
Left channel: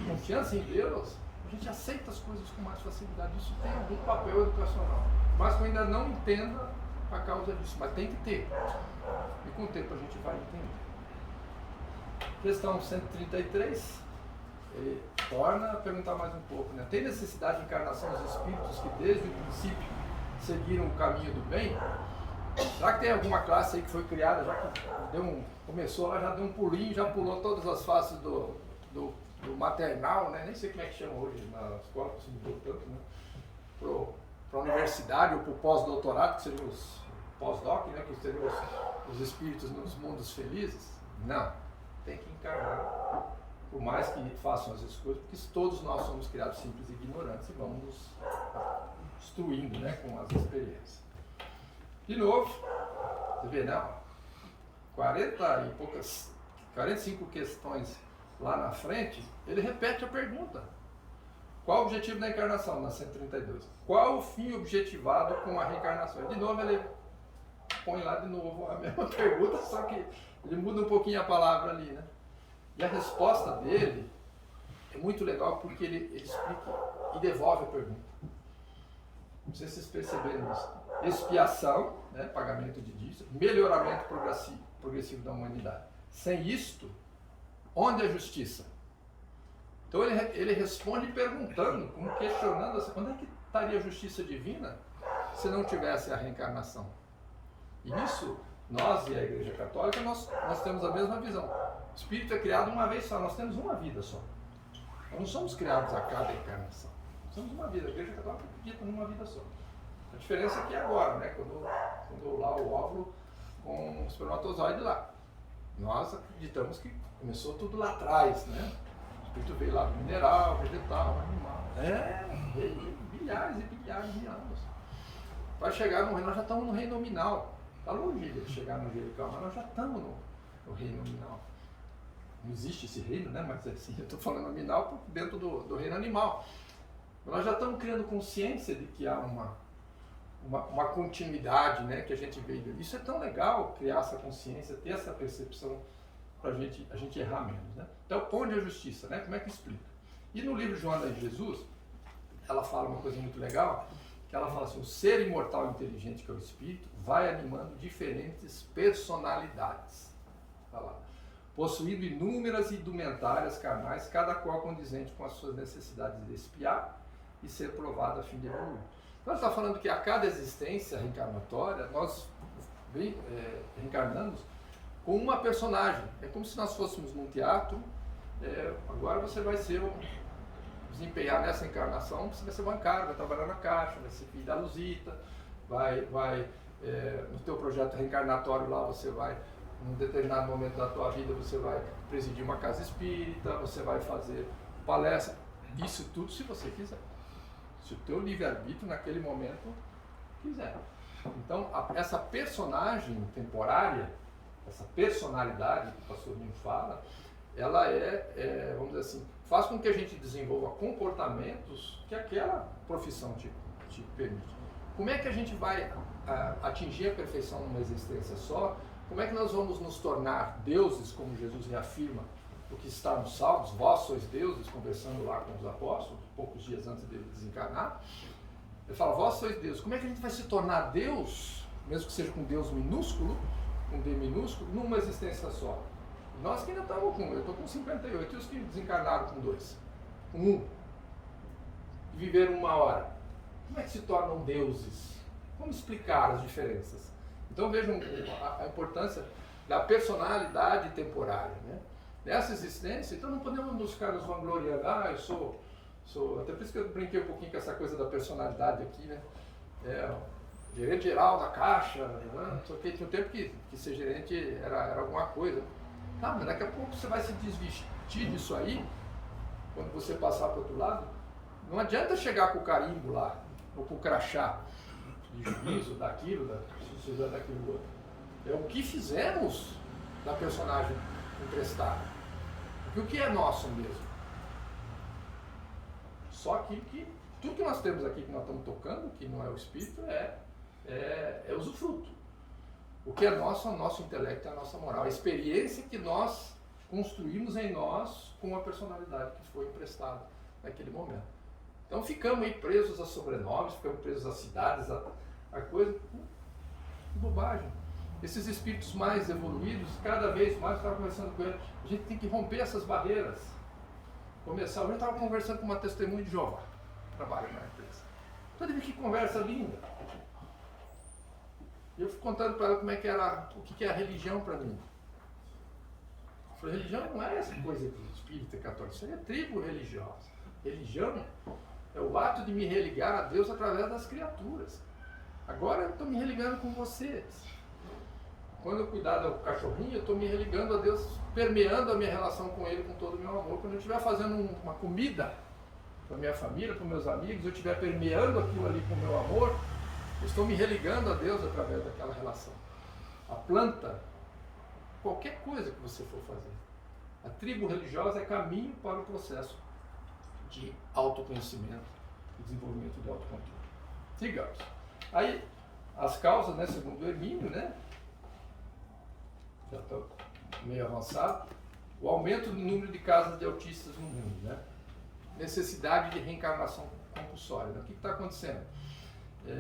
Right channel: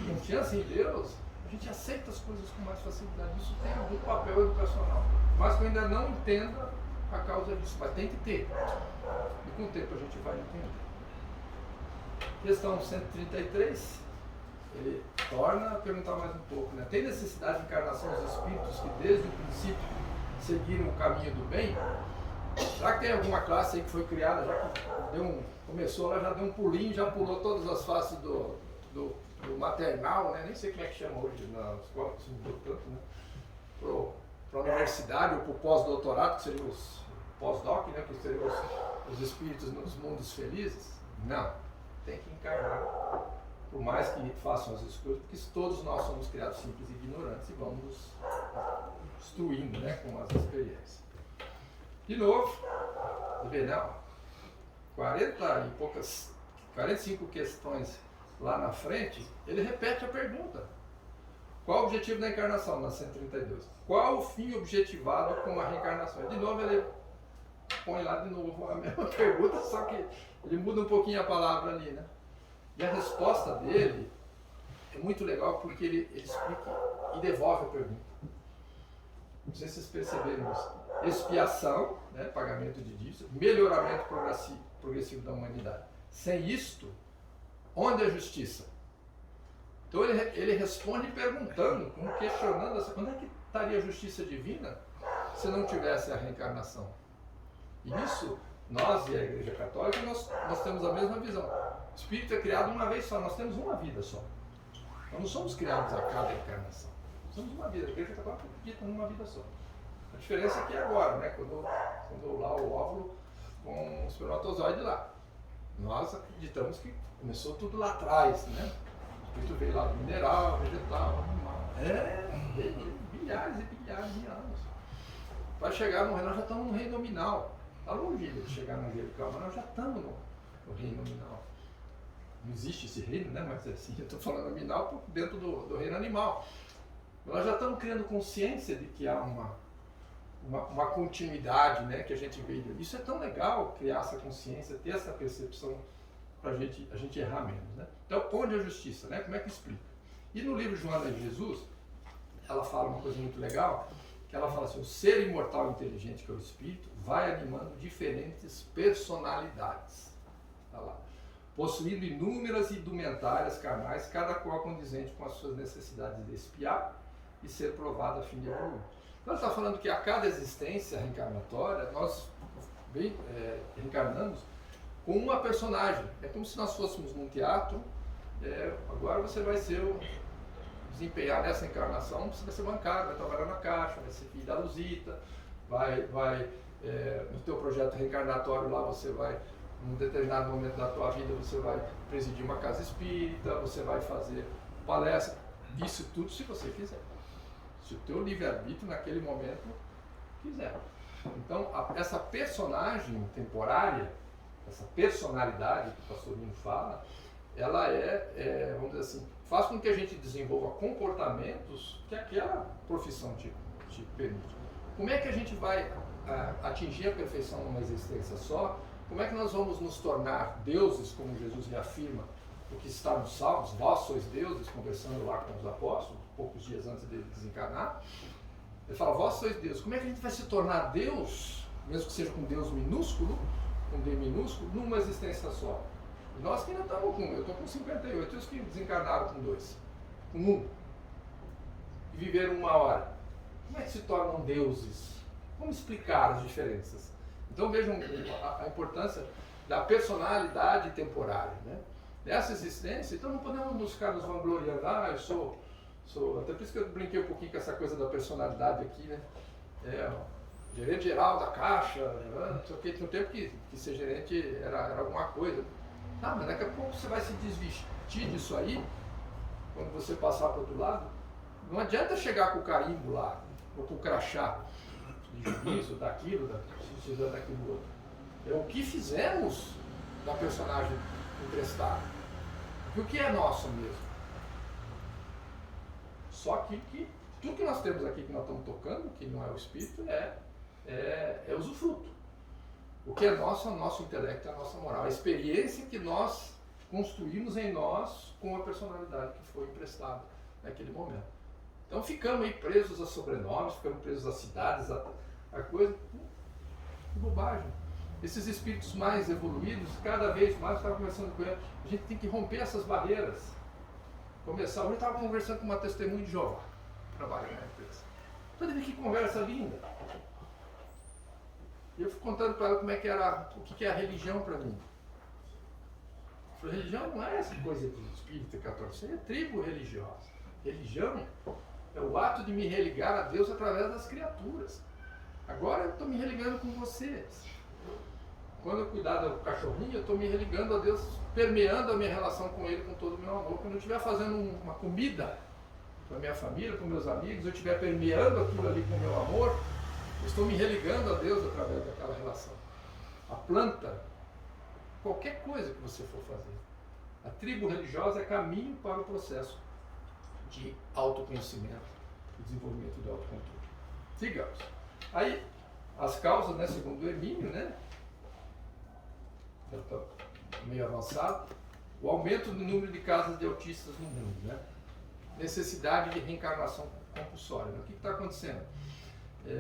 confiança em Deus, a gente aceita as coisas com mais facilidade. Isso tem algum papel educacional. Mas que eu ainda não entenda a causa disso. Mas tem que ter. E com o tempo a gente vai entender. Questão 133. Ele torna a perguntar mais um pouco, né? Tem necessidade de encarnação dos espíritos que desde o princípio seguiram o caminho do bem? Será que tem alguma classe aí que foi criada, já que começou lá, já deu um pulinho, já pulou todas as faces do maternal, né? Nem sei como é que chama hoje na escola, que se mudou tanto, né? Para a universidade ou para o pós-doutorado, que seriam os pós-doc, né? Que seriam os espíritos nos mundos felizes? Não, tem que encarnar. Por mais que façam as escolhas, porque todos nós somos criados simples e ignorantes e vamos nos instruindo, né, com as experiências. De novo, você vê, não, 45 questões lá na frente, ele repete a pergunta. Qual o objetivo da encarnação, na 132? Qual o fim objetivado com a reencarnação? De novo, ele põe lá de novo a mesma pergunta, só que ele muda um pouquinho a palavra ali, né? E a resposta dele é muito legal porque ele explica e devolve a pergunta. Não sei se vocês perceberam isso. Expiação, né, pagamento de dívidas, melhoramento progressivo da humanidade. Sem isto, onde é a justiça? Então ele responde perguntando, como questionando, assim, onde é que estaria a justiça divina se não tivesse a reencarnação? E isso, nós e a Igreja Católica, nós temos a mesma visão. O espírito é criado uma vez só, nós temos uma vida só. Nós não somos criados a cada encarnação. Somos uma vida. A Igreja Católica acredita numa vida só. A diferença é que agora, né, quando lá o óvulo com o espermatozoide lá. Nós acreditamos que começou tudo lá atrás, né? O espírito veio lá do mineral, vegetal, animal. Bilhares e bilhares de anos. Para chegar no reino, nós já estamos no reino nominal. Está longe de chegar no angelical, mas nós já estamos no reino nominal. Não existe esse reino, né? Mas assim, eu estou falando nominal dentro do reino animal. Nós já estamos criando consciência de que há uma continuidade, né? Que a gente veio. Isso é tão legal, criar essa consciência, ter essa percepção para a gente errar menos, né? Então, onde é a justiça, né? Como é que explica? E no livro Joana de Jesus, ela fala uma coisa muito legal, que ela fala assim, o ser imortal e inteligente, que é o espírito, vai animando diferentes personalidades. Está lá. Possuindo inúmeras indumentárias carnais, cada qual condizente com as suas necessidades de expiar e ser provado a fim de evoluir. Então, está falando que a cada existência reencarnatória, nós reencarnamos com uma personagem. É como se nós fôssemos num teatro, agora você vai desempenhar nessa encarnação, você vai ser bancário, vai trabalhar na Caixa, vai ser filho da Luzita, no teu projeto reencarnatório lá você vai, num determinado momento da tua vida, você vai presidir uma casa espírita, você vai fazer palestra, isso tudo se você quiser. Se o teu livre-arbítrio naquele momento quiser. Então, essa personagem temporária, essa personalidade que o pastor Nino fala, ela vamos dizer assim, faz com que a gente desenvolva comportamentos que aquela profissão te permite. Como é que a gente vai atingir a perfeição numa existência só? Como é que nós vamos nos tornar deuses, como Jesus reafirma, o que está nos Salmos, vós sois deuses, conversando lá com os apóstolos, poucos dias antes dele desencarnar. Ele fala, vós sois deuses. Como é que a gente vai se tornar Deus, mesmo que seja com Deus minúsculo, com D minúsculo, numa existência só? Nós que ainda estamos eu estou com 58, e os que desencarnaram com 2, com 1, e viveram 1 hora. Como é que se tornam deuses? Como explicar as diferenças? Então vejam a importância da personalidade temporária, né? Nessa existência, então não podemos ficar nos vangloriando, eu sou, até por isso que eu brinquei um pouquinho com essa coisa da personalidade aqui, né? Gerente geral da Caixa, só que tinha um tempo que ser gerente era alguma coisa. Mas daqui a pouco você vai se desvestir disso aí, quando você passar para o outro lado. Não adianta chegar com o carimbo lá, ou com o crachá de juízo, daquilo outro. É o que fizemos da personagem emprestada. Porque o que é nosso mesmo? Só aquilo que, tudo que nós temos aqui, que nós estamos tocando, que não é o espírito, é usufruto. O que é nosso é o nosso intelecto, é a nossa moral. A experiência que nós construímos em nós com a personalidade que foi emprestada naquele momento. Então ficamos aí presos a sobrenomes, ficamos presos a cidades, a coisa. Que bobagem. Esses espíritos mais evoluídos, cada vez mais, eu estava conversando com ele, a gente tem que romper essas barreiras. Hoje eu estava conversando com uma testemunha de Jeová, que trabalha na empresa. Olha que conversa linda. E eu fui contando para ela como é que era, o que é a religião para mim. Eu falei, religião não é essa coisa de espírita católico, isso aí é tribo religiosa. Religião é o ato de me religar a Deus através das criaturas. Agora eu estou me religando com vocês. Quando eu cuidar do cachorrinho, eu estou me religando a Deus, permeando a minha relação com Ele com todo o meu amor. Quando eu estiver fazendo uma comida para a minha família, para os meus amigos, eu estiver permeando aquilo ali com o meu amor, eu estou me religando a Deus através daquela relação. A planta, qualquer coisa que você for fazer. A tribo religiosa é caminho para o processo de autoconhecimento e desenvolvimento do autocontrole. Sigamos. Aí, as causas, né, segundo o Hermínio, né, já estou meio avançado, o aumento do número de casos de autistas no mundo, né, necessidade de reencarnação compulsória. Né? O que está acontecendo?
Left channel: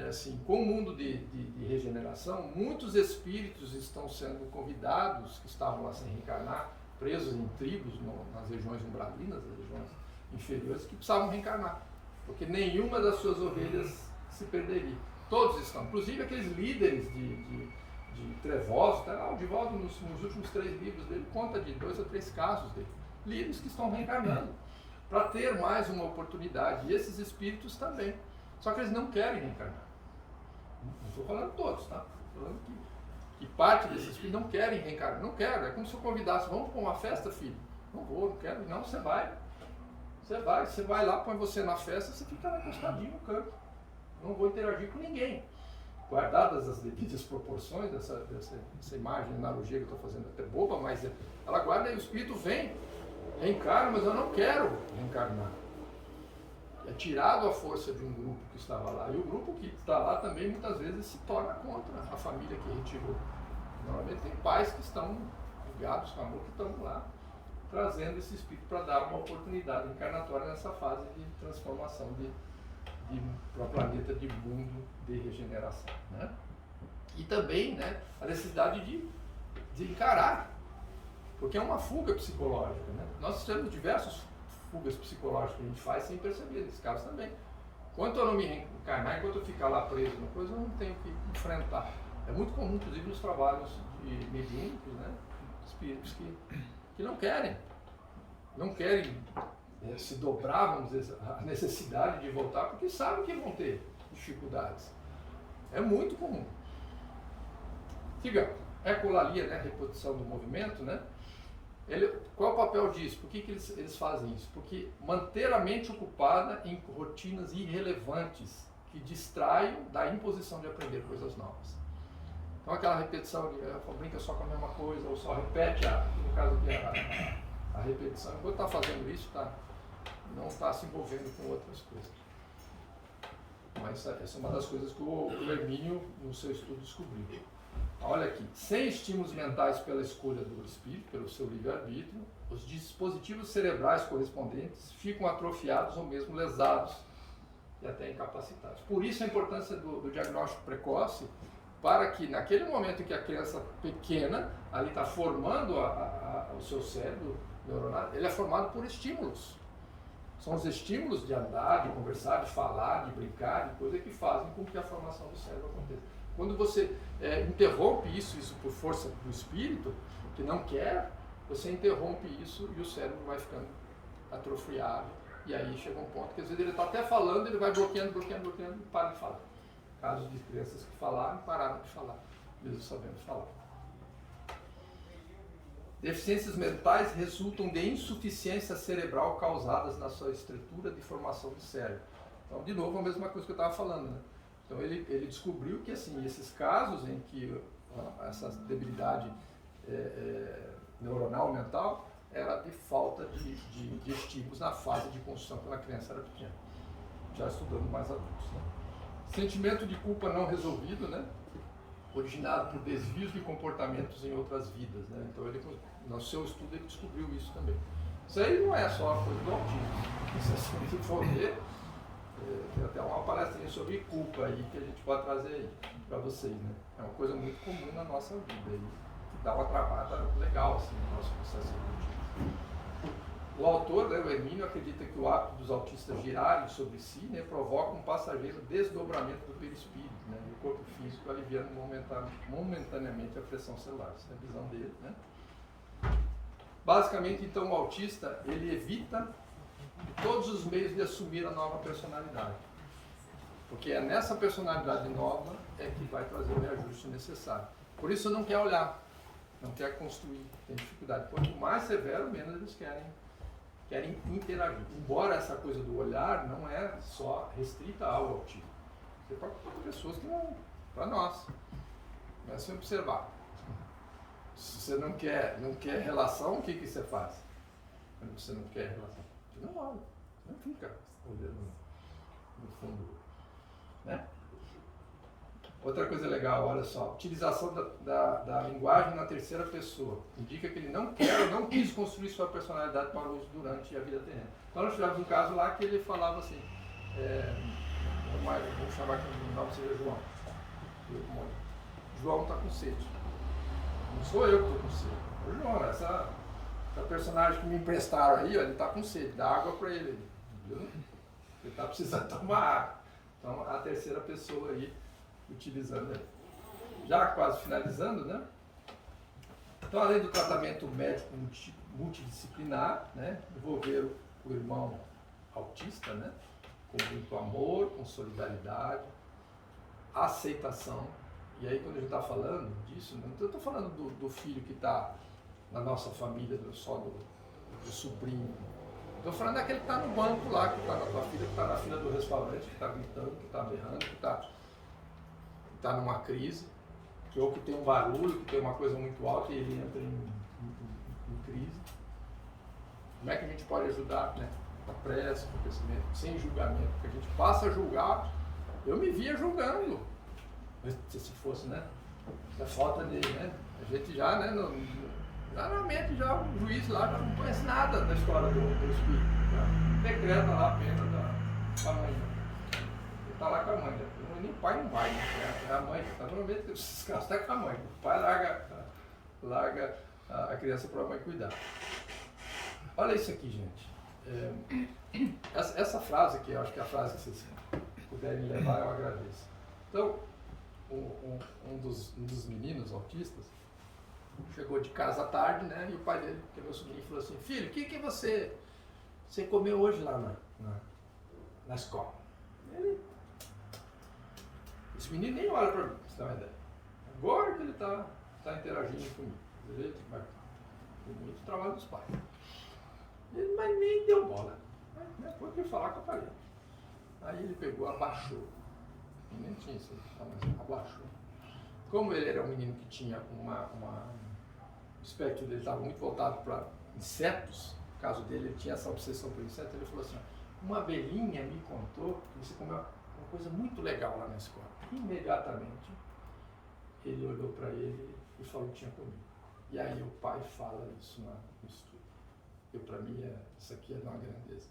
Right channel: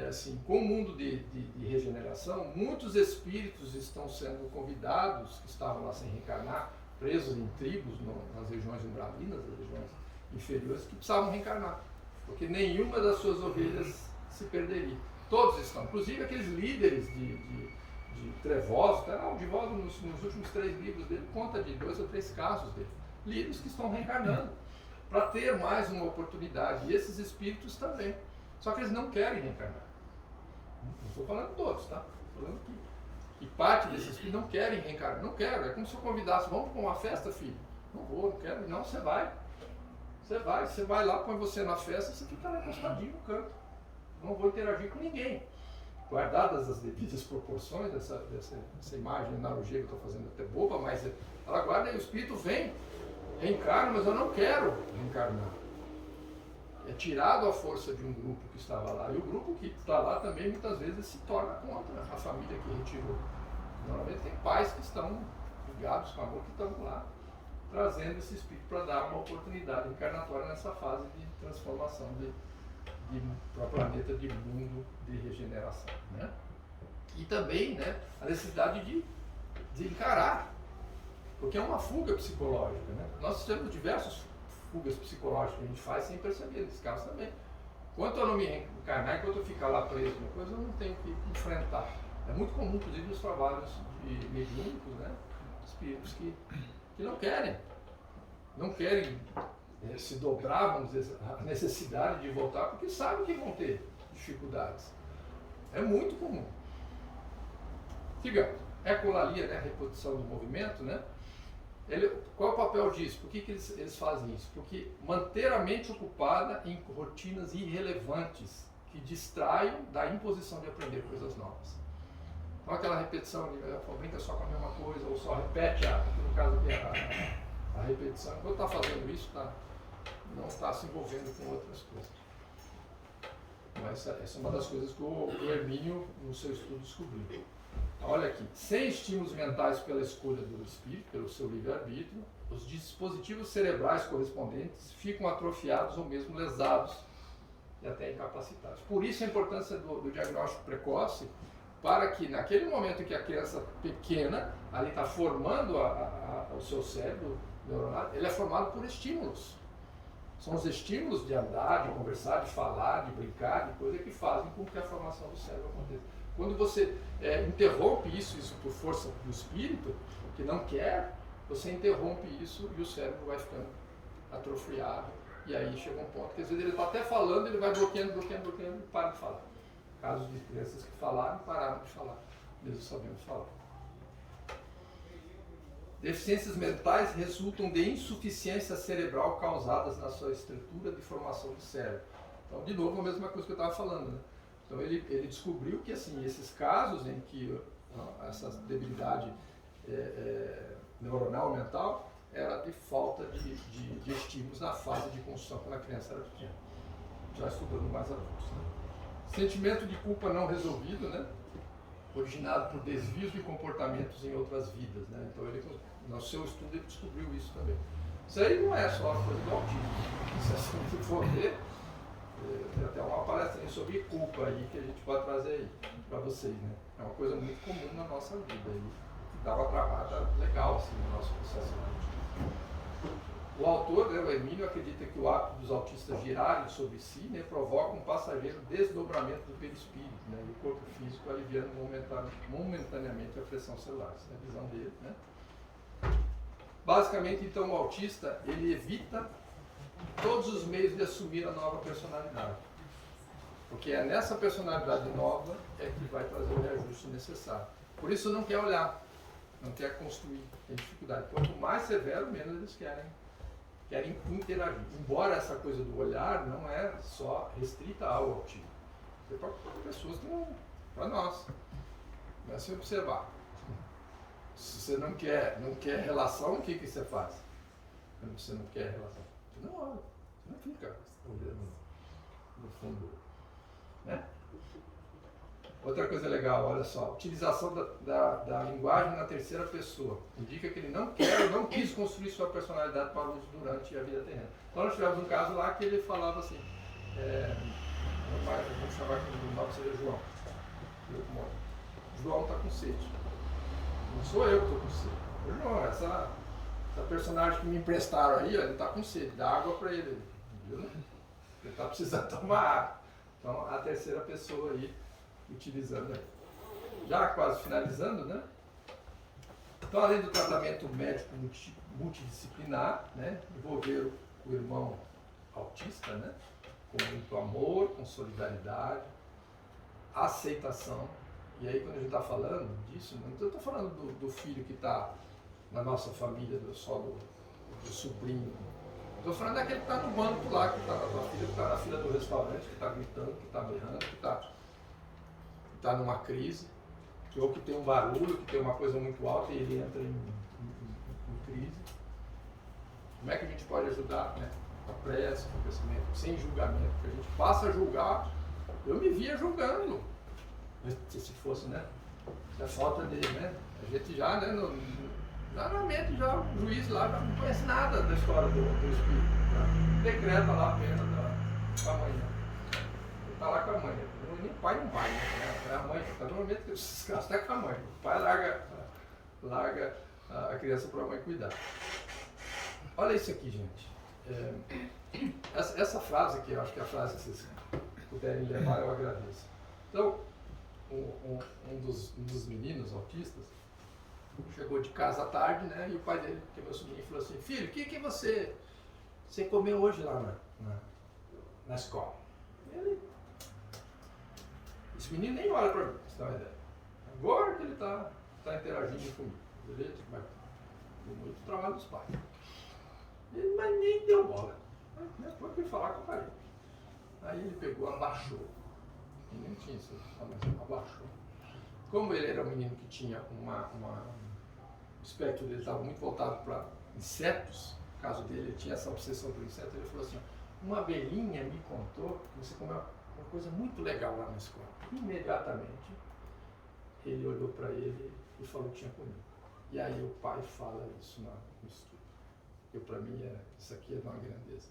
Assim, com o mundo de regeneração, muitos espíritos estão sendo convidados, que estavam lá sem reencarnar, presos em tribos, nas regiões umbralinas, nas regiões inferiores, que precisavam reencarnar, porque nenhuma das suas ovelhas se perderia. Todos estão, inclusive aqueles líderes de trevosos, tá? O Divaldo nos últimos 3 livros dele conta de 2 ou 3 casos dele, líderes que estão reencarnando, para ter mais uma oportunidade, e esses espíritos também. Só que eles não querem reencarnar. Não estou falando todos, tá? Estou falando que parte desses espíritos não querem reencarnar. Não quero. É como se eu convidasse, vamos para uma festa, filho? Não vou, não quero. Não, você vai. Você vai lá, põe você na festa e você fica lá encostadinho no canto. Não vou interagir com ninguém. Guardadas as devidas proporções dessa imagem, analogia que eu estou fazendo até boba, mas ela guarda e o espírito vem, reencarna, mas eu não quero reencarnar. É tirado a força de um grupo que estava lá. E o grupo que está lá também muitas vezes se torna contra a família que retirou. Normalmente tem pais que estão ligados com amor, que estão lá trazendo esse espírito para dar uma oportunidade encarnatória nessa fase de transformação para o planeta, de mundo de regeneração. Né? E também, né, a necessidade de encarar, porque é uma fuga psicológica. Né? Nós temos diversos fugas psicológicas que a gente faz sem perceber, nesse caso também. Enquanto eu não me reencarnar, enquanto eu ficar lá preso na coisa, eu não tenho que enfrentar. É muito comum, inclusive, nos trabalhos mediúnicos, né? espíritos que não querem se dobrar, vamos dizer, a necessidade de voltar, porque sabem que vão ter dificuldades. É muito comum. Siga, ecolalia, né, repetição do movimento, né? Qual é o papel disso? Por que eles fazem isso? Porque manter a mente ocupada em rotinas irrelevantes que distraem da imposição de aprender coisas novas. Então aquela repetição de brinca só com a mesma coisa, ou só repete, no caso aqui a repetição. Quando está fazendo isso, não está se envolvendo com outras coisas. Mas essa é uma das coisas que o Hermínio, no seu estudo, descobriu. Olha aqui, sem estímulos mentais pela escolha do espírito, pelo seu livre-arbítrio, os dispositivos cerebrais correspondentes ficam atrofiados ou mesmo lesados e até incapacitados. Por isso a importância do diagnóstico precoce, para que naquele momento em que a criança pequena ali está formando o seu cérebro neuronal, ele é formado por estímulos. São os estímulos de andar, de conversar, de falar, de brincar, de coisa que fazem com que a formação do cérebro aconteça. Quando você interrompe isso por força do espírito, que não quer, você interrompe isso e o cérebro vai ficando atrofiado. E aí chega um ponto que às vezes ele está até falando, ele vai bloqueando e para de falar. Casos de crianças que falaram e pararam de falar, mesmo sabendo falar. Deficiências mentais resultam de insuficiência cerebral causadas na sua estrutura de formação do cérebro. Então, de novo, a mesma coisa que eu estava falando, né? Então, ele descobriu que, assim, esses casos em que essa debilidade neuronal, mental, era de falta de estímulos na fase de construção quando a criança era pequena. Já estudando mais adultos, né? Sentimento de culpa não resolvido, né? Originado por desvios de comportamentos em outras vidas, né? Então, no seu estudo, ele descobriu isso também. Isso aí não é só a coisa do autismo. Isso, se a gente for ver, tem até uma palestra sobre culpa aí que a gente pode trazer aí para vocês, né? É uma coisa muito comum na nossa vida aí, que dá uma travada legal assim, no nosso processo evolutivo. O autor, né, o Hermínio, acredita que o hábito dos autistas girarem sobre si, né, provoca um passageiro desdobramento do perispírito, né, do corpo físico, aliviando momentaneamente a pressão celular. Essa é a visão dele, né? Basicamente, então, o autista, ele evita todos os meios de assumir a nova personalidade. Porque é nessa personalidade nova que vai trazer o reajuste necessário. Por isso não quer olhar, não quer construir, tem dificuldade. Quanto mais severo, menos eles querem interagir. Embora essa coisa do olhar não é só restrita ao autismo. Você pode ter pessoas que não, para nós. Comece a observar. Se você não quer relação, o que você faz? Quando você não quer relação, você não olha, você não fica olhando no fundo, né? Outra coisa legal, olha só, utilização da linguagem na terceira pessoa. Indica que ele não quer ou não quis construir sua personalidade para o uso durante a vida terrena. Então nós tivemos um caso lá que ele falava assim, vamos chamar aqui o nome seja João. João está com sede. Não sou eu que estou com sede. João, essa personagem que me emprestaram aí, ó, ele está com sede, dá água para ele. Viu? Ele está precisando tomar água. Então a terceira pessoa aí, utilizando ele. Já quase finalizando, né? Então, além do tratamento médico multidisciplinar, né, envolver o irmão autista, né, com muito amor, com solidariedade, aceitação. E aí, quando a gente está falando disso, não estou falando do filho que está na nossa família, do sobrinho. Estou falando daquele que está no banco lá, que está na tua filha, que está na fila do restaurante, que está gritando, que está berrando, que está numa crise, ou que tem um barulho, que tem uma coisa muito alta e ele entra em crise. Como é que a gente pode ajudar, né? A prece, com o crescimento, sem julgamento, porque a gente passa a julgar. Eu me via julgando, se fosse, né? A falta de, né? A gente já, né? Normalmente já o juiz lá já não conhece nada da história do espírito. Já decreta lá a pena da mãe. Ele está lá com a mãe, né? Nem o pai não vai, né? É a mãe. Normalmente esses casos até com a mãe. O pai larga a criança para a mãe cuidar. Olha isso aqui, gente. Essa frase aqui, eu acho que é a frase que vocês puderem levar, eu agradeço. Então, um dos meninos autistas, chegou de casa à tarde, né? E o pai dele, que é meu sobrinho, falou assim, filho, o que você comeu hoje lá na escola? Esse menino nem olha para mim, pra você ter uma ideia. Agora que ele está interagindo comigo. Beleza? Mas tem muito trabalho dos pais. Ele, mas nem deu bola. Né? Foi que falar com a parede. Aí ele pegou, abaixou. Nem tinha isso, abaixou. Como ele era um menino que tinha o espectro dele estava muito voltado para insetos, no caso dele, ele tinha essa obsessão por insetos, ele falou assim, uma abelhinha me contou que você comeu uma coisa muito legal lá na escola. Imediatamente, ele olhou para ele e falou que tinha comido. E aí o pai fala isso no estudo. Eu, para mim, isso aqui é de uma grandeza.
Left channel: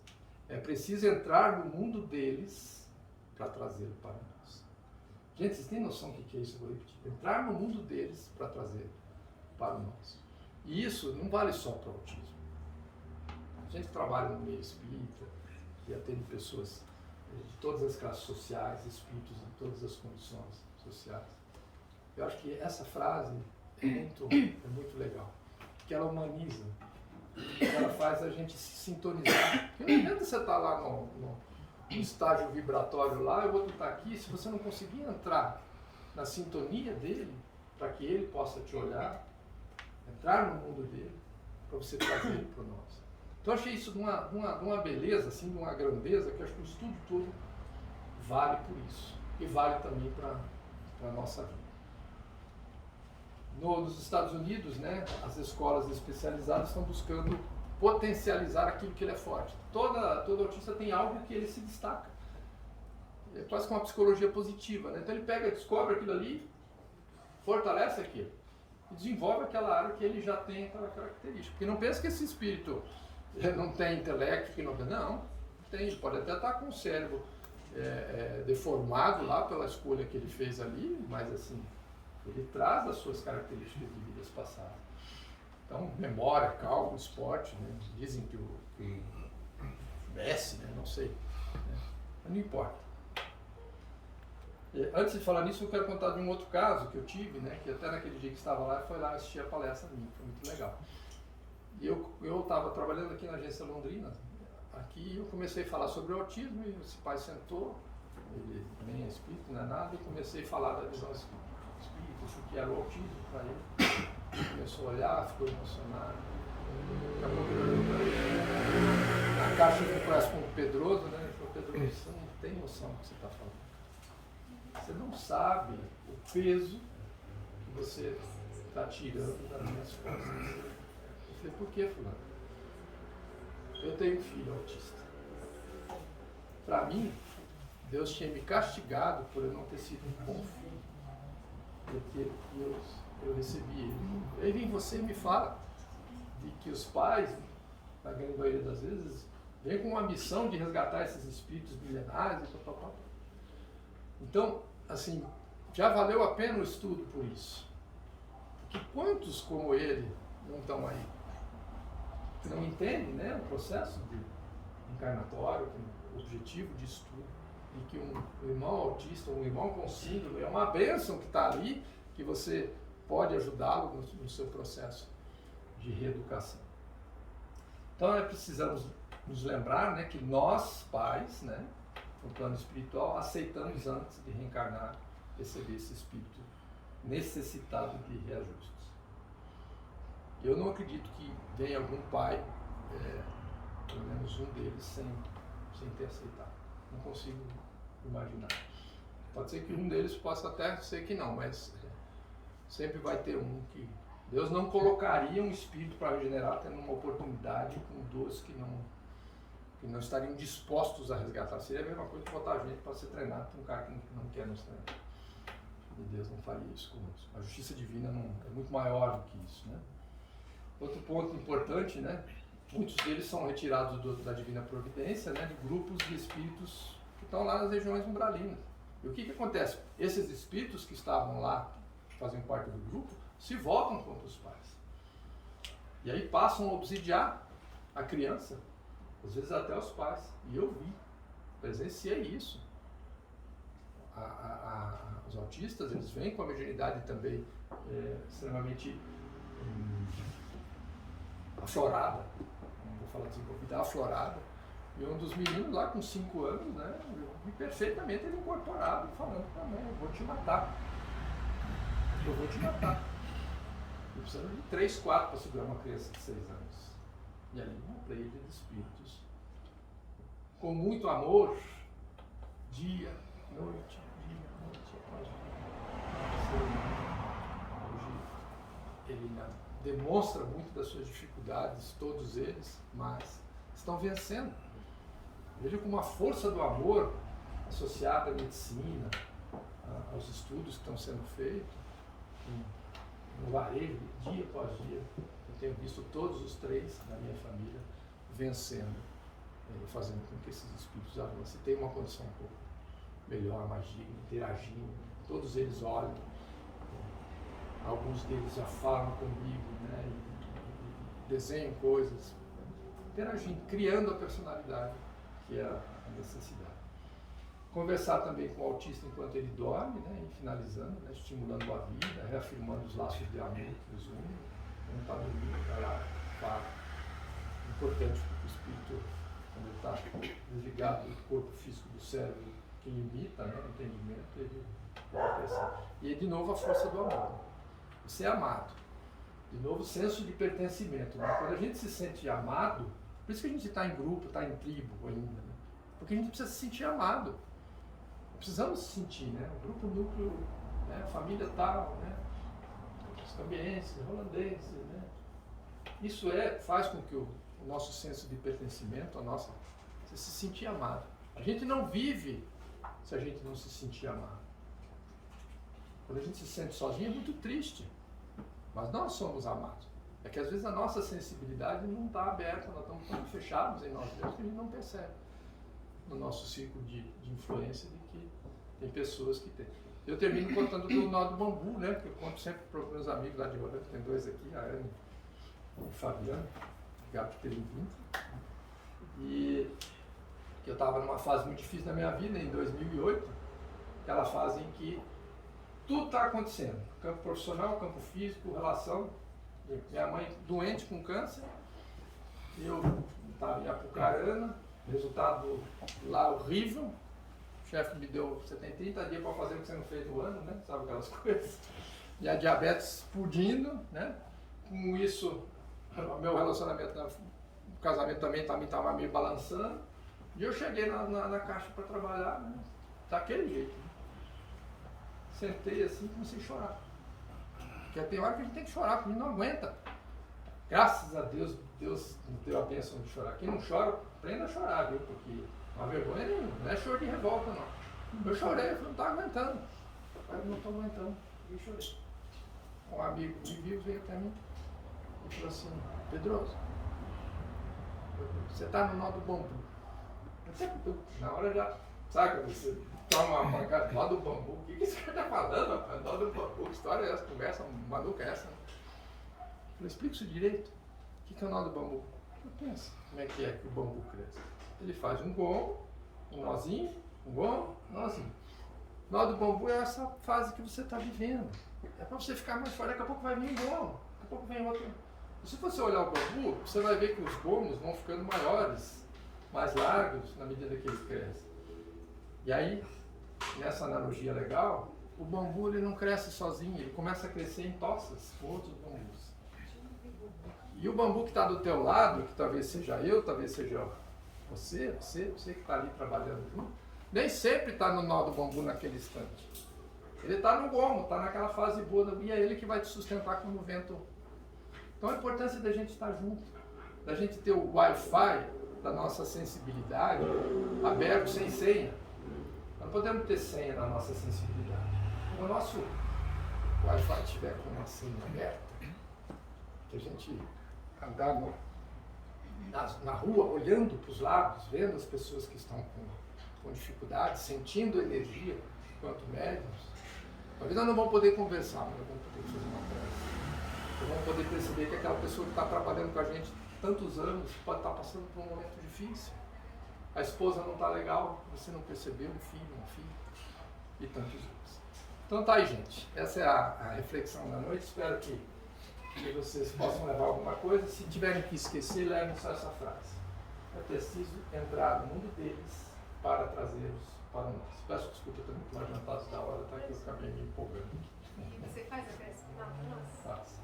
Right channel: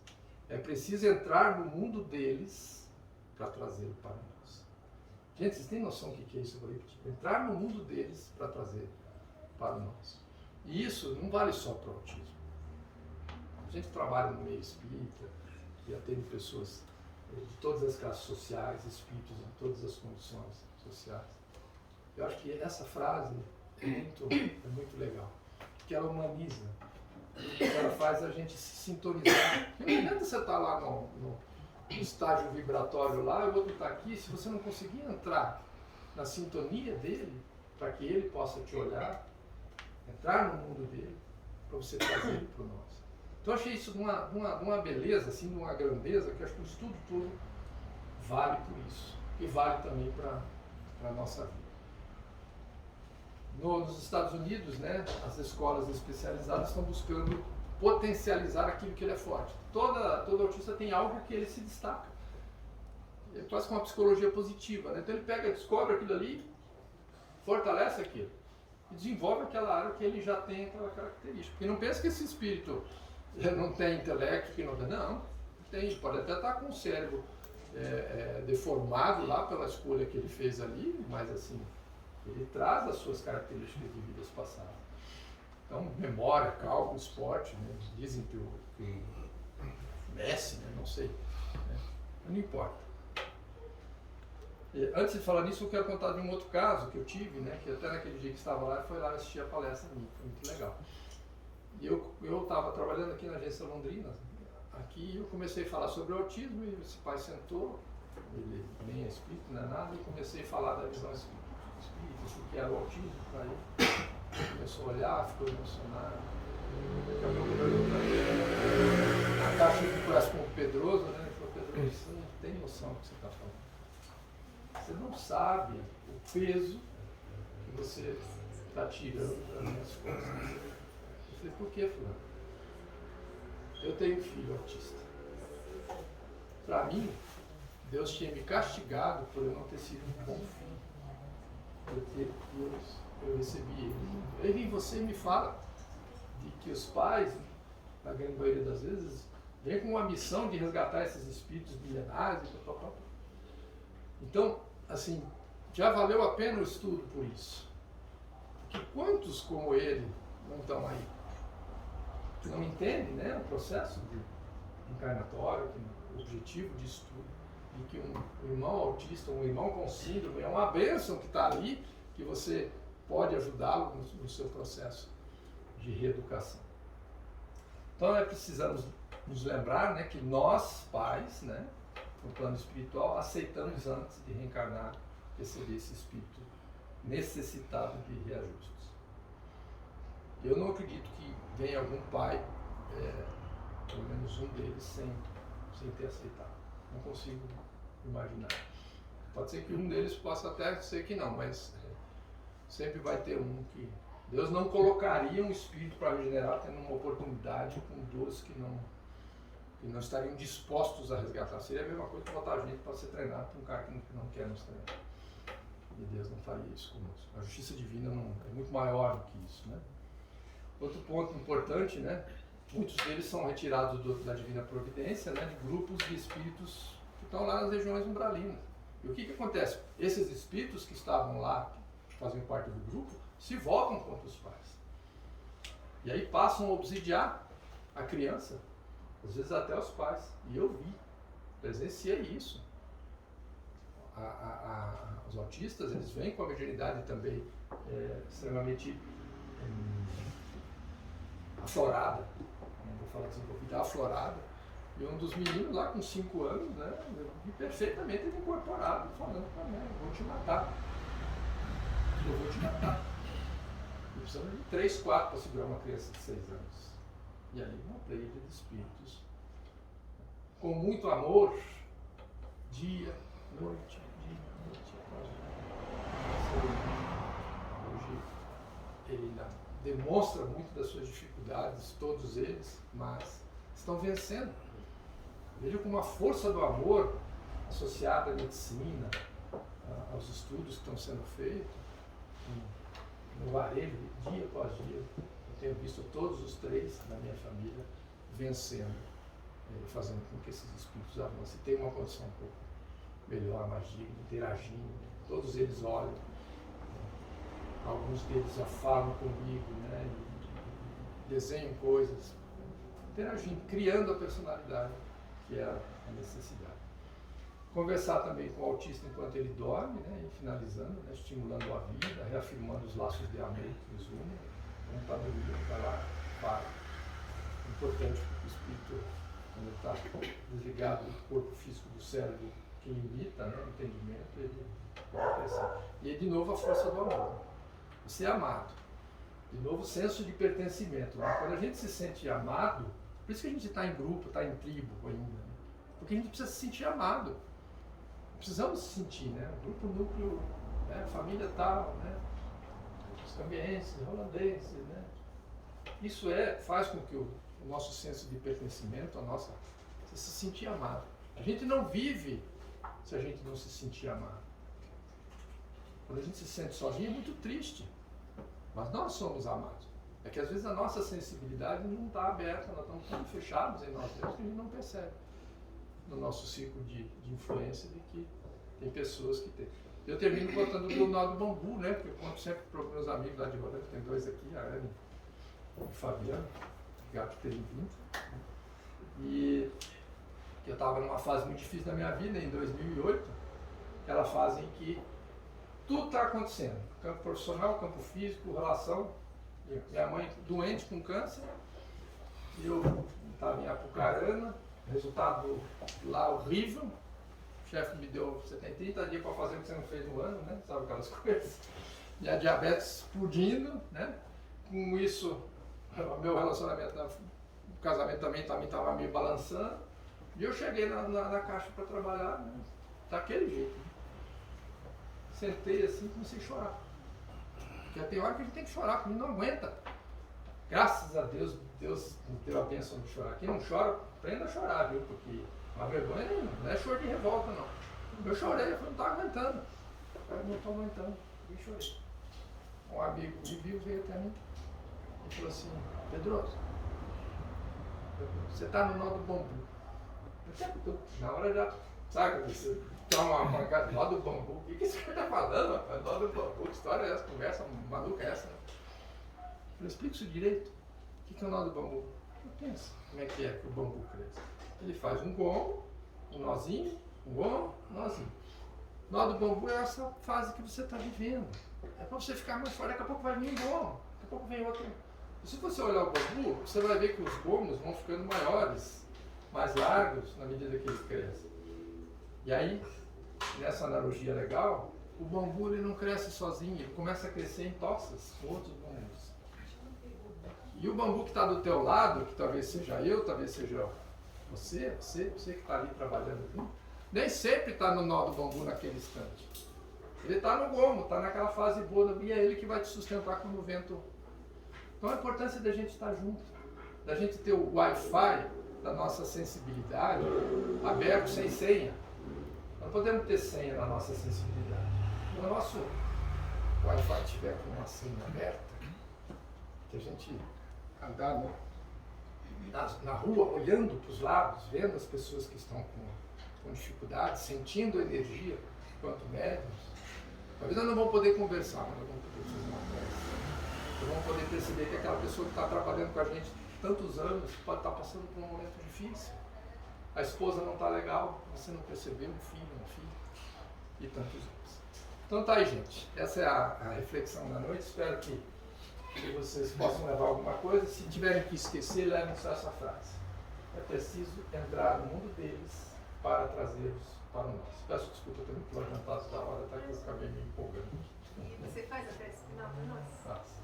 É preciso entrar no mundo deles para trazê-lo para nós. Gente, vocês têm noção do que é isso? Eu vou repetir. Entrar no mundo deles para trazer para nós. E isso não vale só para o autismo. A gente trabalha no meio espírita e atende pessoas de todas as classes sociais, espíritos de todas as condições sociais. Eu acho que essa frase é muito legal, porque ela humaniza, ela faz a gente se sintonizar. Porque não adianta você estar lá no estágio vibratório lá, eu vou estar aqui, se você não conseguir entrar na sintonia dele, para que ele possa te olhar, entrar no mundo dele, para você trazer ele para nós. Então eu achei isso de uma beleza, assim, de uma grandeza, que eu acho que o estudo todo vale por isso, e vale também para a nossa vida. Nos Estados Unidos, né, as escolas especializadas estão buscando potencializar aquilo que ele é forte. Todo autista tem algo que ele se destaca. É quase que uma psicologia positiva, né? Então ele descobre aquilo ali, fortalece aquilo, e desenvolve aquela área que ele já tem aquela característica. Porque não pensa que esse espírito não tem intelecto, que não tem, pode até estar com o cérebro deformado lá pela escolha que ele fez ali, mas assim, ele traz as suas características de vidas passadas. Então, memória, cálculo, esporte, né? Dizem que o Messi, né? Não sei, né? Mas não importa. Antes de falar nisso, eu quero contar de um outro caso que eu tive, né? Que até naquele dia que estava lá, foi lá assistir a palestra minha, foi muito legal. E eu estava trabalhando aqui na agência Londrina, aqui eu comecei a falar sobre o autismo, e esse pai sentou, ele nem é espírito, não é nada, e comecei a falar da visão espírita, o que era o autismo para ele. Ele começou a olhar, ficou emocionado. Daqui a pouco ele olhou para mim. A caixa que conhece como Pedroso, né? Ele falou, Pedroso, você não tem noção do que você está falando. Você não sabe o peso que você está tirando das minhas costas. Eu falei, por que, fulano? Eu tenho um filho autista. Para mim, Deus tinha me castigado por eu não ter sido um bom filho. Porque eu recebi ele. Aí vem você e me fala de que os pais, na grande maioria das vezes, vêm com uma missão de resgatar esses espíritos milenares e tal. Então, assim, já valeu a pena o estudo por isso. Porque quantos como ele não estão aí? Que não entendem, né, o processo de encarnatório, o objetivo de estudo. E que um irmão autista, um irmão com síndrome, é uma bênção que está ali, que você pode ajudá-lo no seu processo de reeducação. Então, precisamos nos lembrar, né, que nós, pais, né, no plano espiritual, aceitamos antes de reencarnar, receber esse espírito necessitado de reajustes. Eu não acredito que venha algum pai, pelo menos um deles, sem ter aceitado. Não consigo imaginar. Pode ser que um deles possa até ser que não, mas sempre vai ter um que... Deus não colocaria um espírito para regenerar tendo uma oportunidade com duas que não estariam dispostos a resgatar. Seria a mesma coisa que botar a gente para ser treinado por um cara que não quer nos treinar. E Deus não faria isso conosco. A justiça divina é muito maior do que isso, né? Outro ponto importante, né? Muitos deles são retirados da divina providência, né? De grupos de espíritos que estão lá nas regiões umbralinas. E o que acontece? Esses espíritos que estavam lá, que faziam parte do grupo, se voltam contra os pais. E aí passam a obsidiar a criança, às vezes até os pais. E eu presenciei isso. Os autistas, eles vêm com a mediunidade também extremamente aflorada, não vou falar desenvolvida, aflorada. E um dos meninos lá com 5 anos, né, e perfeitamente ele incorporado, falando para a mãe, eu vou te matar. Eu vou te matar. E precisava de 3, 4 para segurar uma criança de 6 anos. E ali uma pleia de espíritos, com muito amor, dia, noite, após dia. Hoje ele ainda demonstra muito das suas dificuldades, todos eles, mas estão vencendo. Veja como a força do amor associada à medicina, aos estudos que estão sendo feitos, no varejo, dia após dia, eu tenho visto todos os 3 na minha família vencendo, fazendo com que esses espíritos avancem, tenham uma condição um pouco melhor, mais digna, interagindo. Todos eles olham, alguns deles já falam comigo, né, e desenham coisas, interagindo, criando a personalidade, que é a necessidade. Conversar também com o autista enquanto ele dorme, né, e finalizando, né, estimulando a vida, reafirmando os laços de amor que os unem. Um está no livro, está lá, fala. Importante porque o espírito, quando ele está desligado do corpo físico do cérebro, que limita, né, o entendimento, ele vai crescer. E aí, de novo, a força do amor. Ser amado. De novo, o senso de pertencimento. Né? Quando a gente se sente amado, por isso que a gente está em grupo, está em tribo ainda, né? Porque a gente precisa se sentir amado. Precisamos se sentir, né? O grupo núcleo, né? Família tal, né? Os cambienses, holandeses, né? Isso faz com que o nosso senso de pertencimento, você se sentir amado. A gente não vive se a gente não se sentir amado. Quando a gente se sente sozinho é muito triste, mas nós somos amados. É que às vezes a nossa sensibilidade não está aberta, nós estamos tão fechados em nós mesmos que a gente não percebe no nosso ciclo de influência de que tem pessoas que têm. Eu termino contando do nó do bambu, né? Que eu conto sempre para os meus amigos lá de Rolando, tem 2 aqui, a Ana e o Fabiano, gato peregrino. E eu estava numa fase muito difícil da minha vida, em 2008, aquela fase em que tudo está acontecendo, campo profissional, campo físico, relação. Minha mãe doente com câncer, eu estava em Apucarana, resultado lá horrível, o chefe me deu 30 dias para fazer o que você não fez no ano, né? Sabe aquelas coisas? E a diabetes explodindo, né? Com isso, o meu relacionamento, o casamento também estava me balançando, e eu cheguei na caixa para trabalhar, né? Daquele jeito. Né? Sentei assim e comecei a chorar. Porque tem hora que a gente tem que chorar, porque a gente não aguenta. Graças a Deus, Deus nos deu a bênção de chorar. Quem não chora, aprenda a chorar, viu? Porque a vergonha não é choro de revolta, não. Eu chorei, eu falei, não estou aguentando. Eu não estou aguentando. E chorei. Um amigo me viu, veio até mim e falou assim, Pedroso, você está no nó do bambu. Eu sempre estou, na hora já, sabe, você toma uma pancada do nó do bambu. O que esse cara está falando, rapaz? Nó do bambu, que história é essa? Conversa maluca é essa? Eu falei, explica isso direito. O que é o nó do bambu? Eu penso, como é que o bambu cresce? Ele faz um gongo, um nozinho, um gongo, um nozinho. O nó do bambu é essa fase que você está vivendo. É para você ficar mais forte, daqui a pouco vai vir um gongo, daqui a pouco vem outro. E se você olhar o bambu, você vai ver que os gomos vão ficando maiores, mais largos, na medida que eles crescem. E aí, nessa analogia legal, o bambu ele não cresce sozinho, ele começa a crescer em toças com outros bambus. E o bambu que está do teu lado, que talvez seja eu, talvez seja você que está ali trabalhando junto, nem sempre está no nó do bambu naquele instante. Ele está no gomo, está naquela fase boa, e é ele que vai te sustentar quando o vento. Então a importância da gente estar junto, da gente ter o Wi-Fi da nossa sensibilidade aberto, sem senha. Nós não podemos ter senha na nossa sensibilidade. Se o nosso Wi-Fi estiver com uma senha aberta, que a gente andar na rua, olhando para os lados, vendo as pessoas que estão com dificuldade, sentindo energia, enquanto médiums, talvez nós não vamos poder conversar, mas nós vamos poder fazer uma prece. Nós vamos poder perceber que aquela pessoa que está trabalhando com a gente tantos anos pode estar passando por um momento difícil. A esposa não está legal, você não percebeu, um filho, e tantos outros. Então tá aí, gente. Essa é a reflexão da noite. Espero que que vocês possam levar alguma coisa. Se tiverem que esquecer, levem só essa frase. É preciso entrar no mundo deles para trazê-los para o nosso. Peço desculpa também pelo adiantado da hora, tá? Que eu acabei me empolgando. E você faz a prece final para nós? Faço.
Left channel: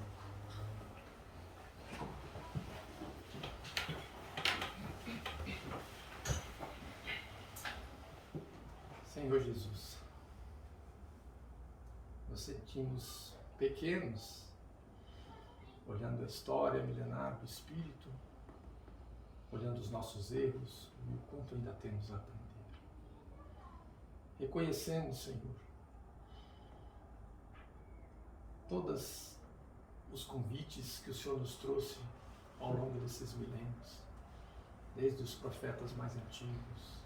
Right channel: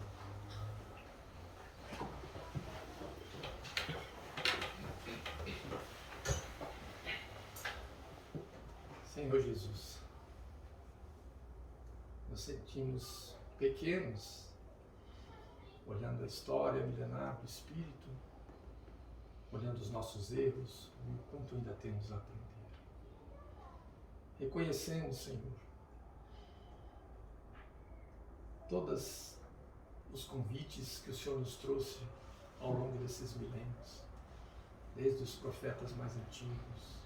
Senhor Jesus, nos sentimos pequenos, olhando a história milenar do Espírito, olhando os nossos erros e o quanto ainda temos a aprender. Reconhecemos, Senhor, todos os convites que o Senhor nos trouxe ao longo desses milênios, desde os profetas mais antigos,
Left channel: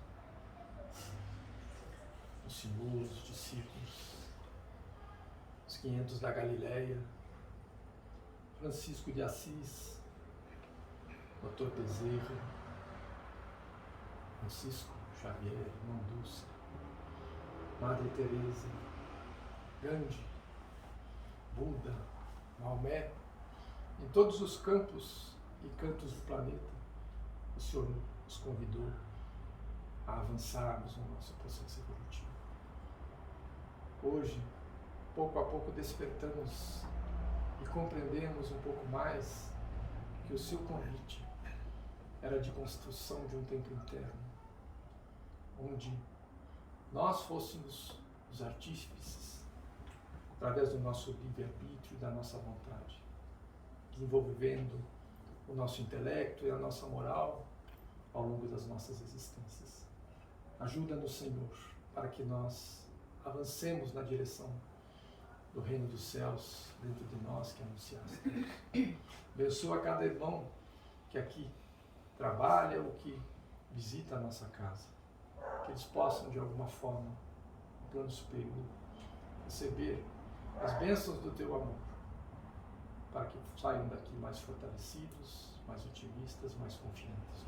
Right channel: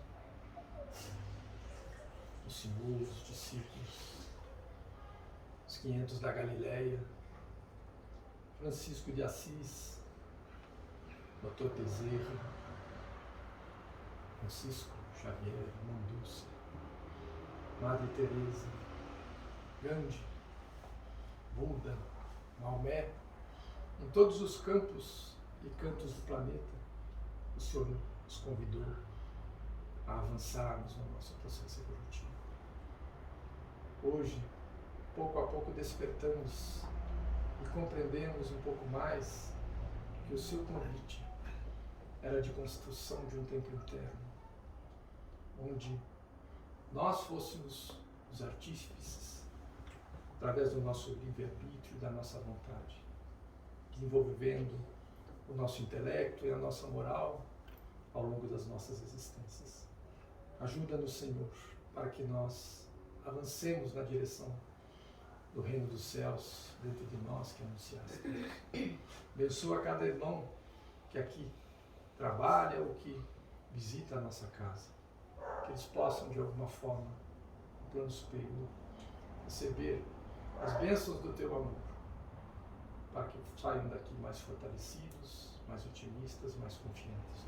os Senhor, os discípulos, os 500 da Galileia, Francisco de Assis, Dr. Bezerra, Francisco Xavier, Manduça, Madre Teresa, Gandhi, Buda, Maomé, em todos os campos e cantos do planeta, o Senhor nos convidou a avançarmos no nosso processo evolutivo. Hoje, pouco a pouco, despertamos e compreendemos um pouco mais que o seu convite era de construção de um tempo interno, onde nós fôssemos os artífices, através do nosso livre-arbítrio e da nossa vontade, desenvolvendo o nosso intelecto e a nossa moral ao longo das nossas existências. Ajuda-nos, Senhor, para que nós avancemos na direção do reino dos céus dentro de nós que anunciaste. Abençoa cada irmão que aqui trabalha ou que visita a nossa casa, que eles possam de alguma forma, no plano superior, receber as bênçãos do teu amor, para que saiam daqui mais fortalecidos, mais otimistas, mais confiantes.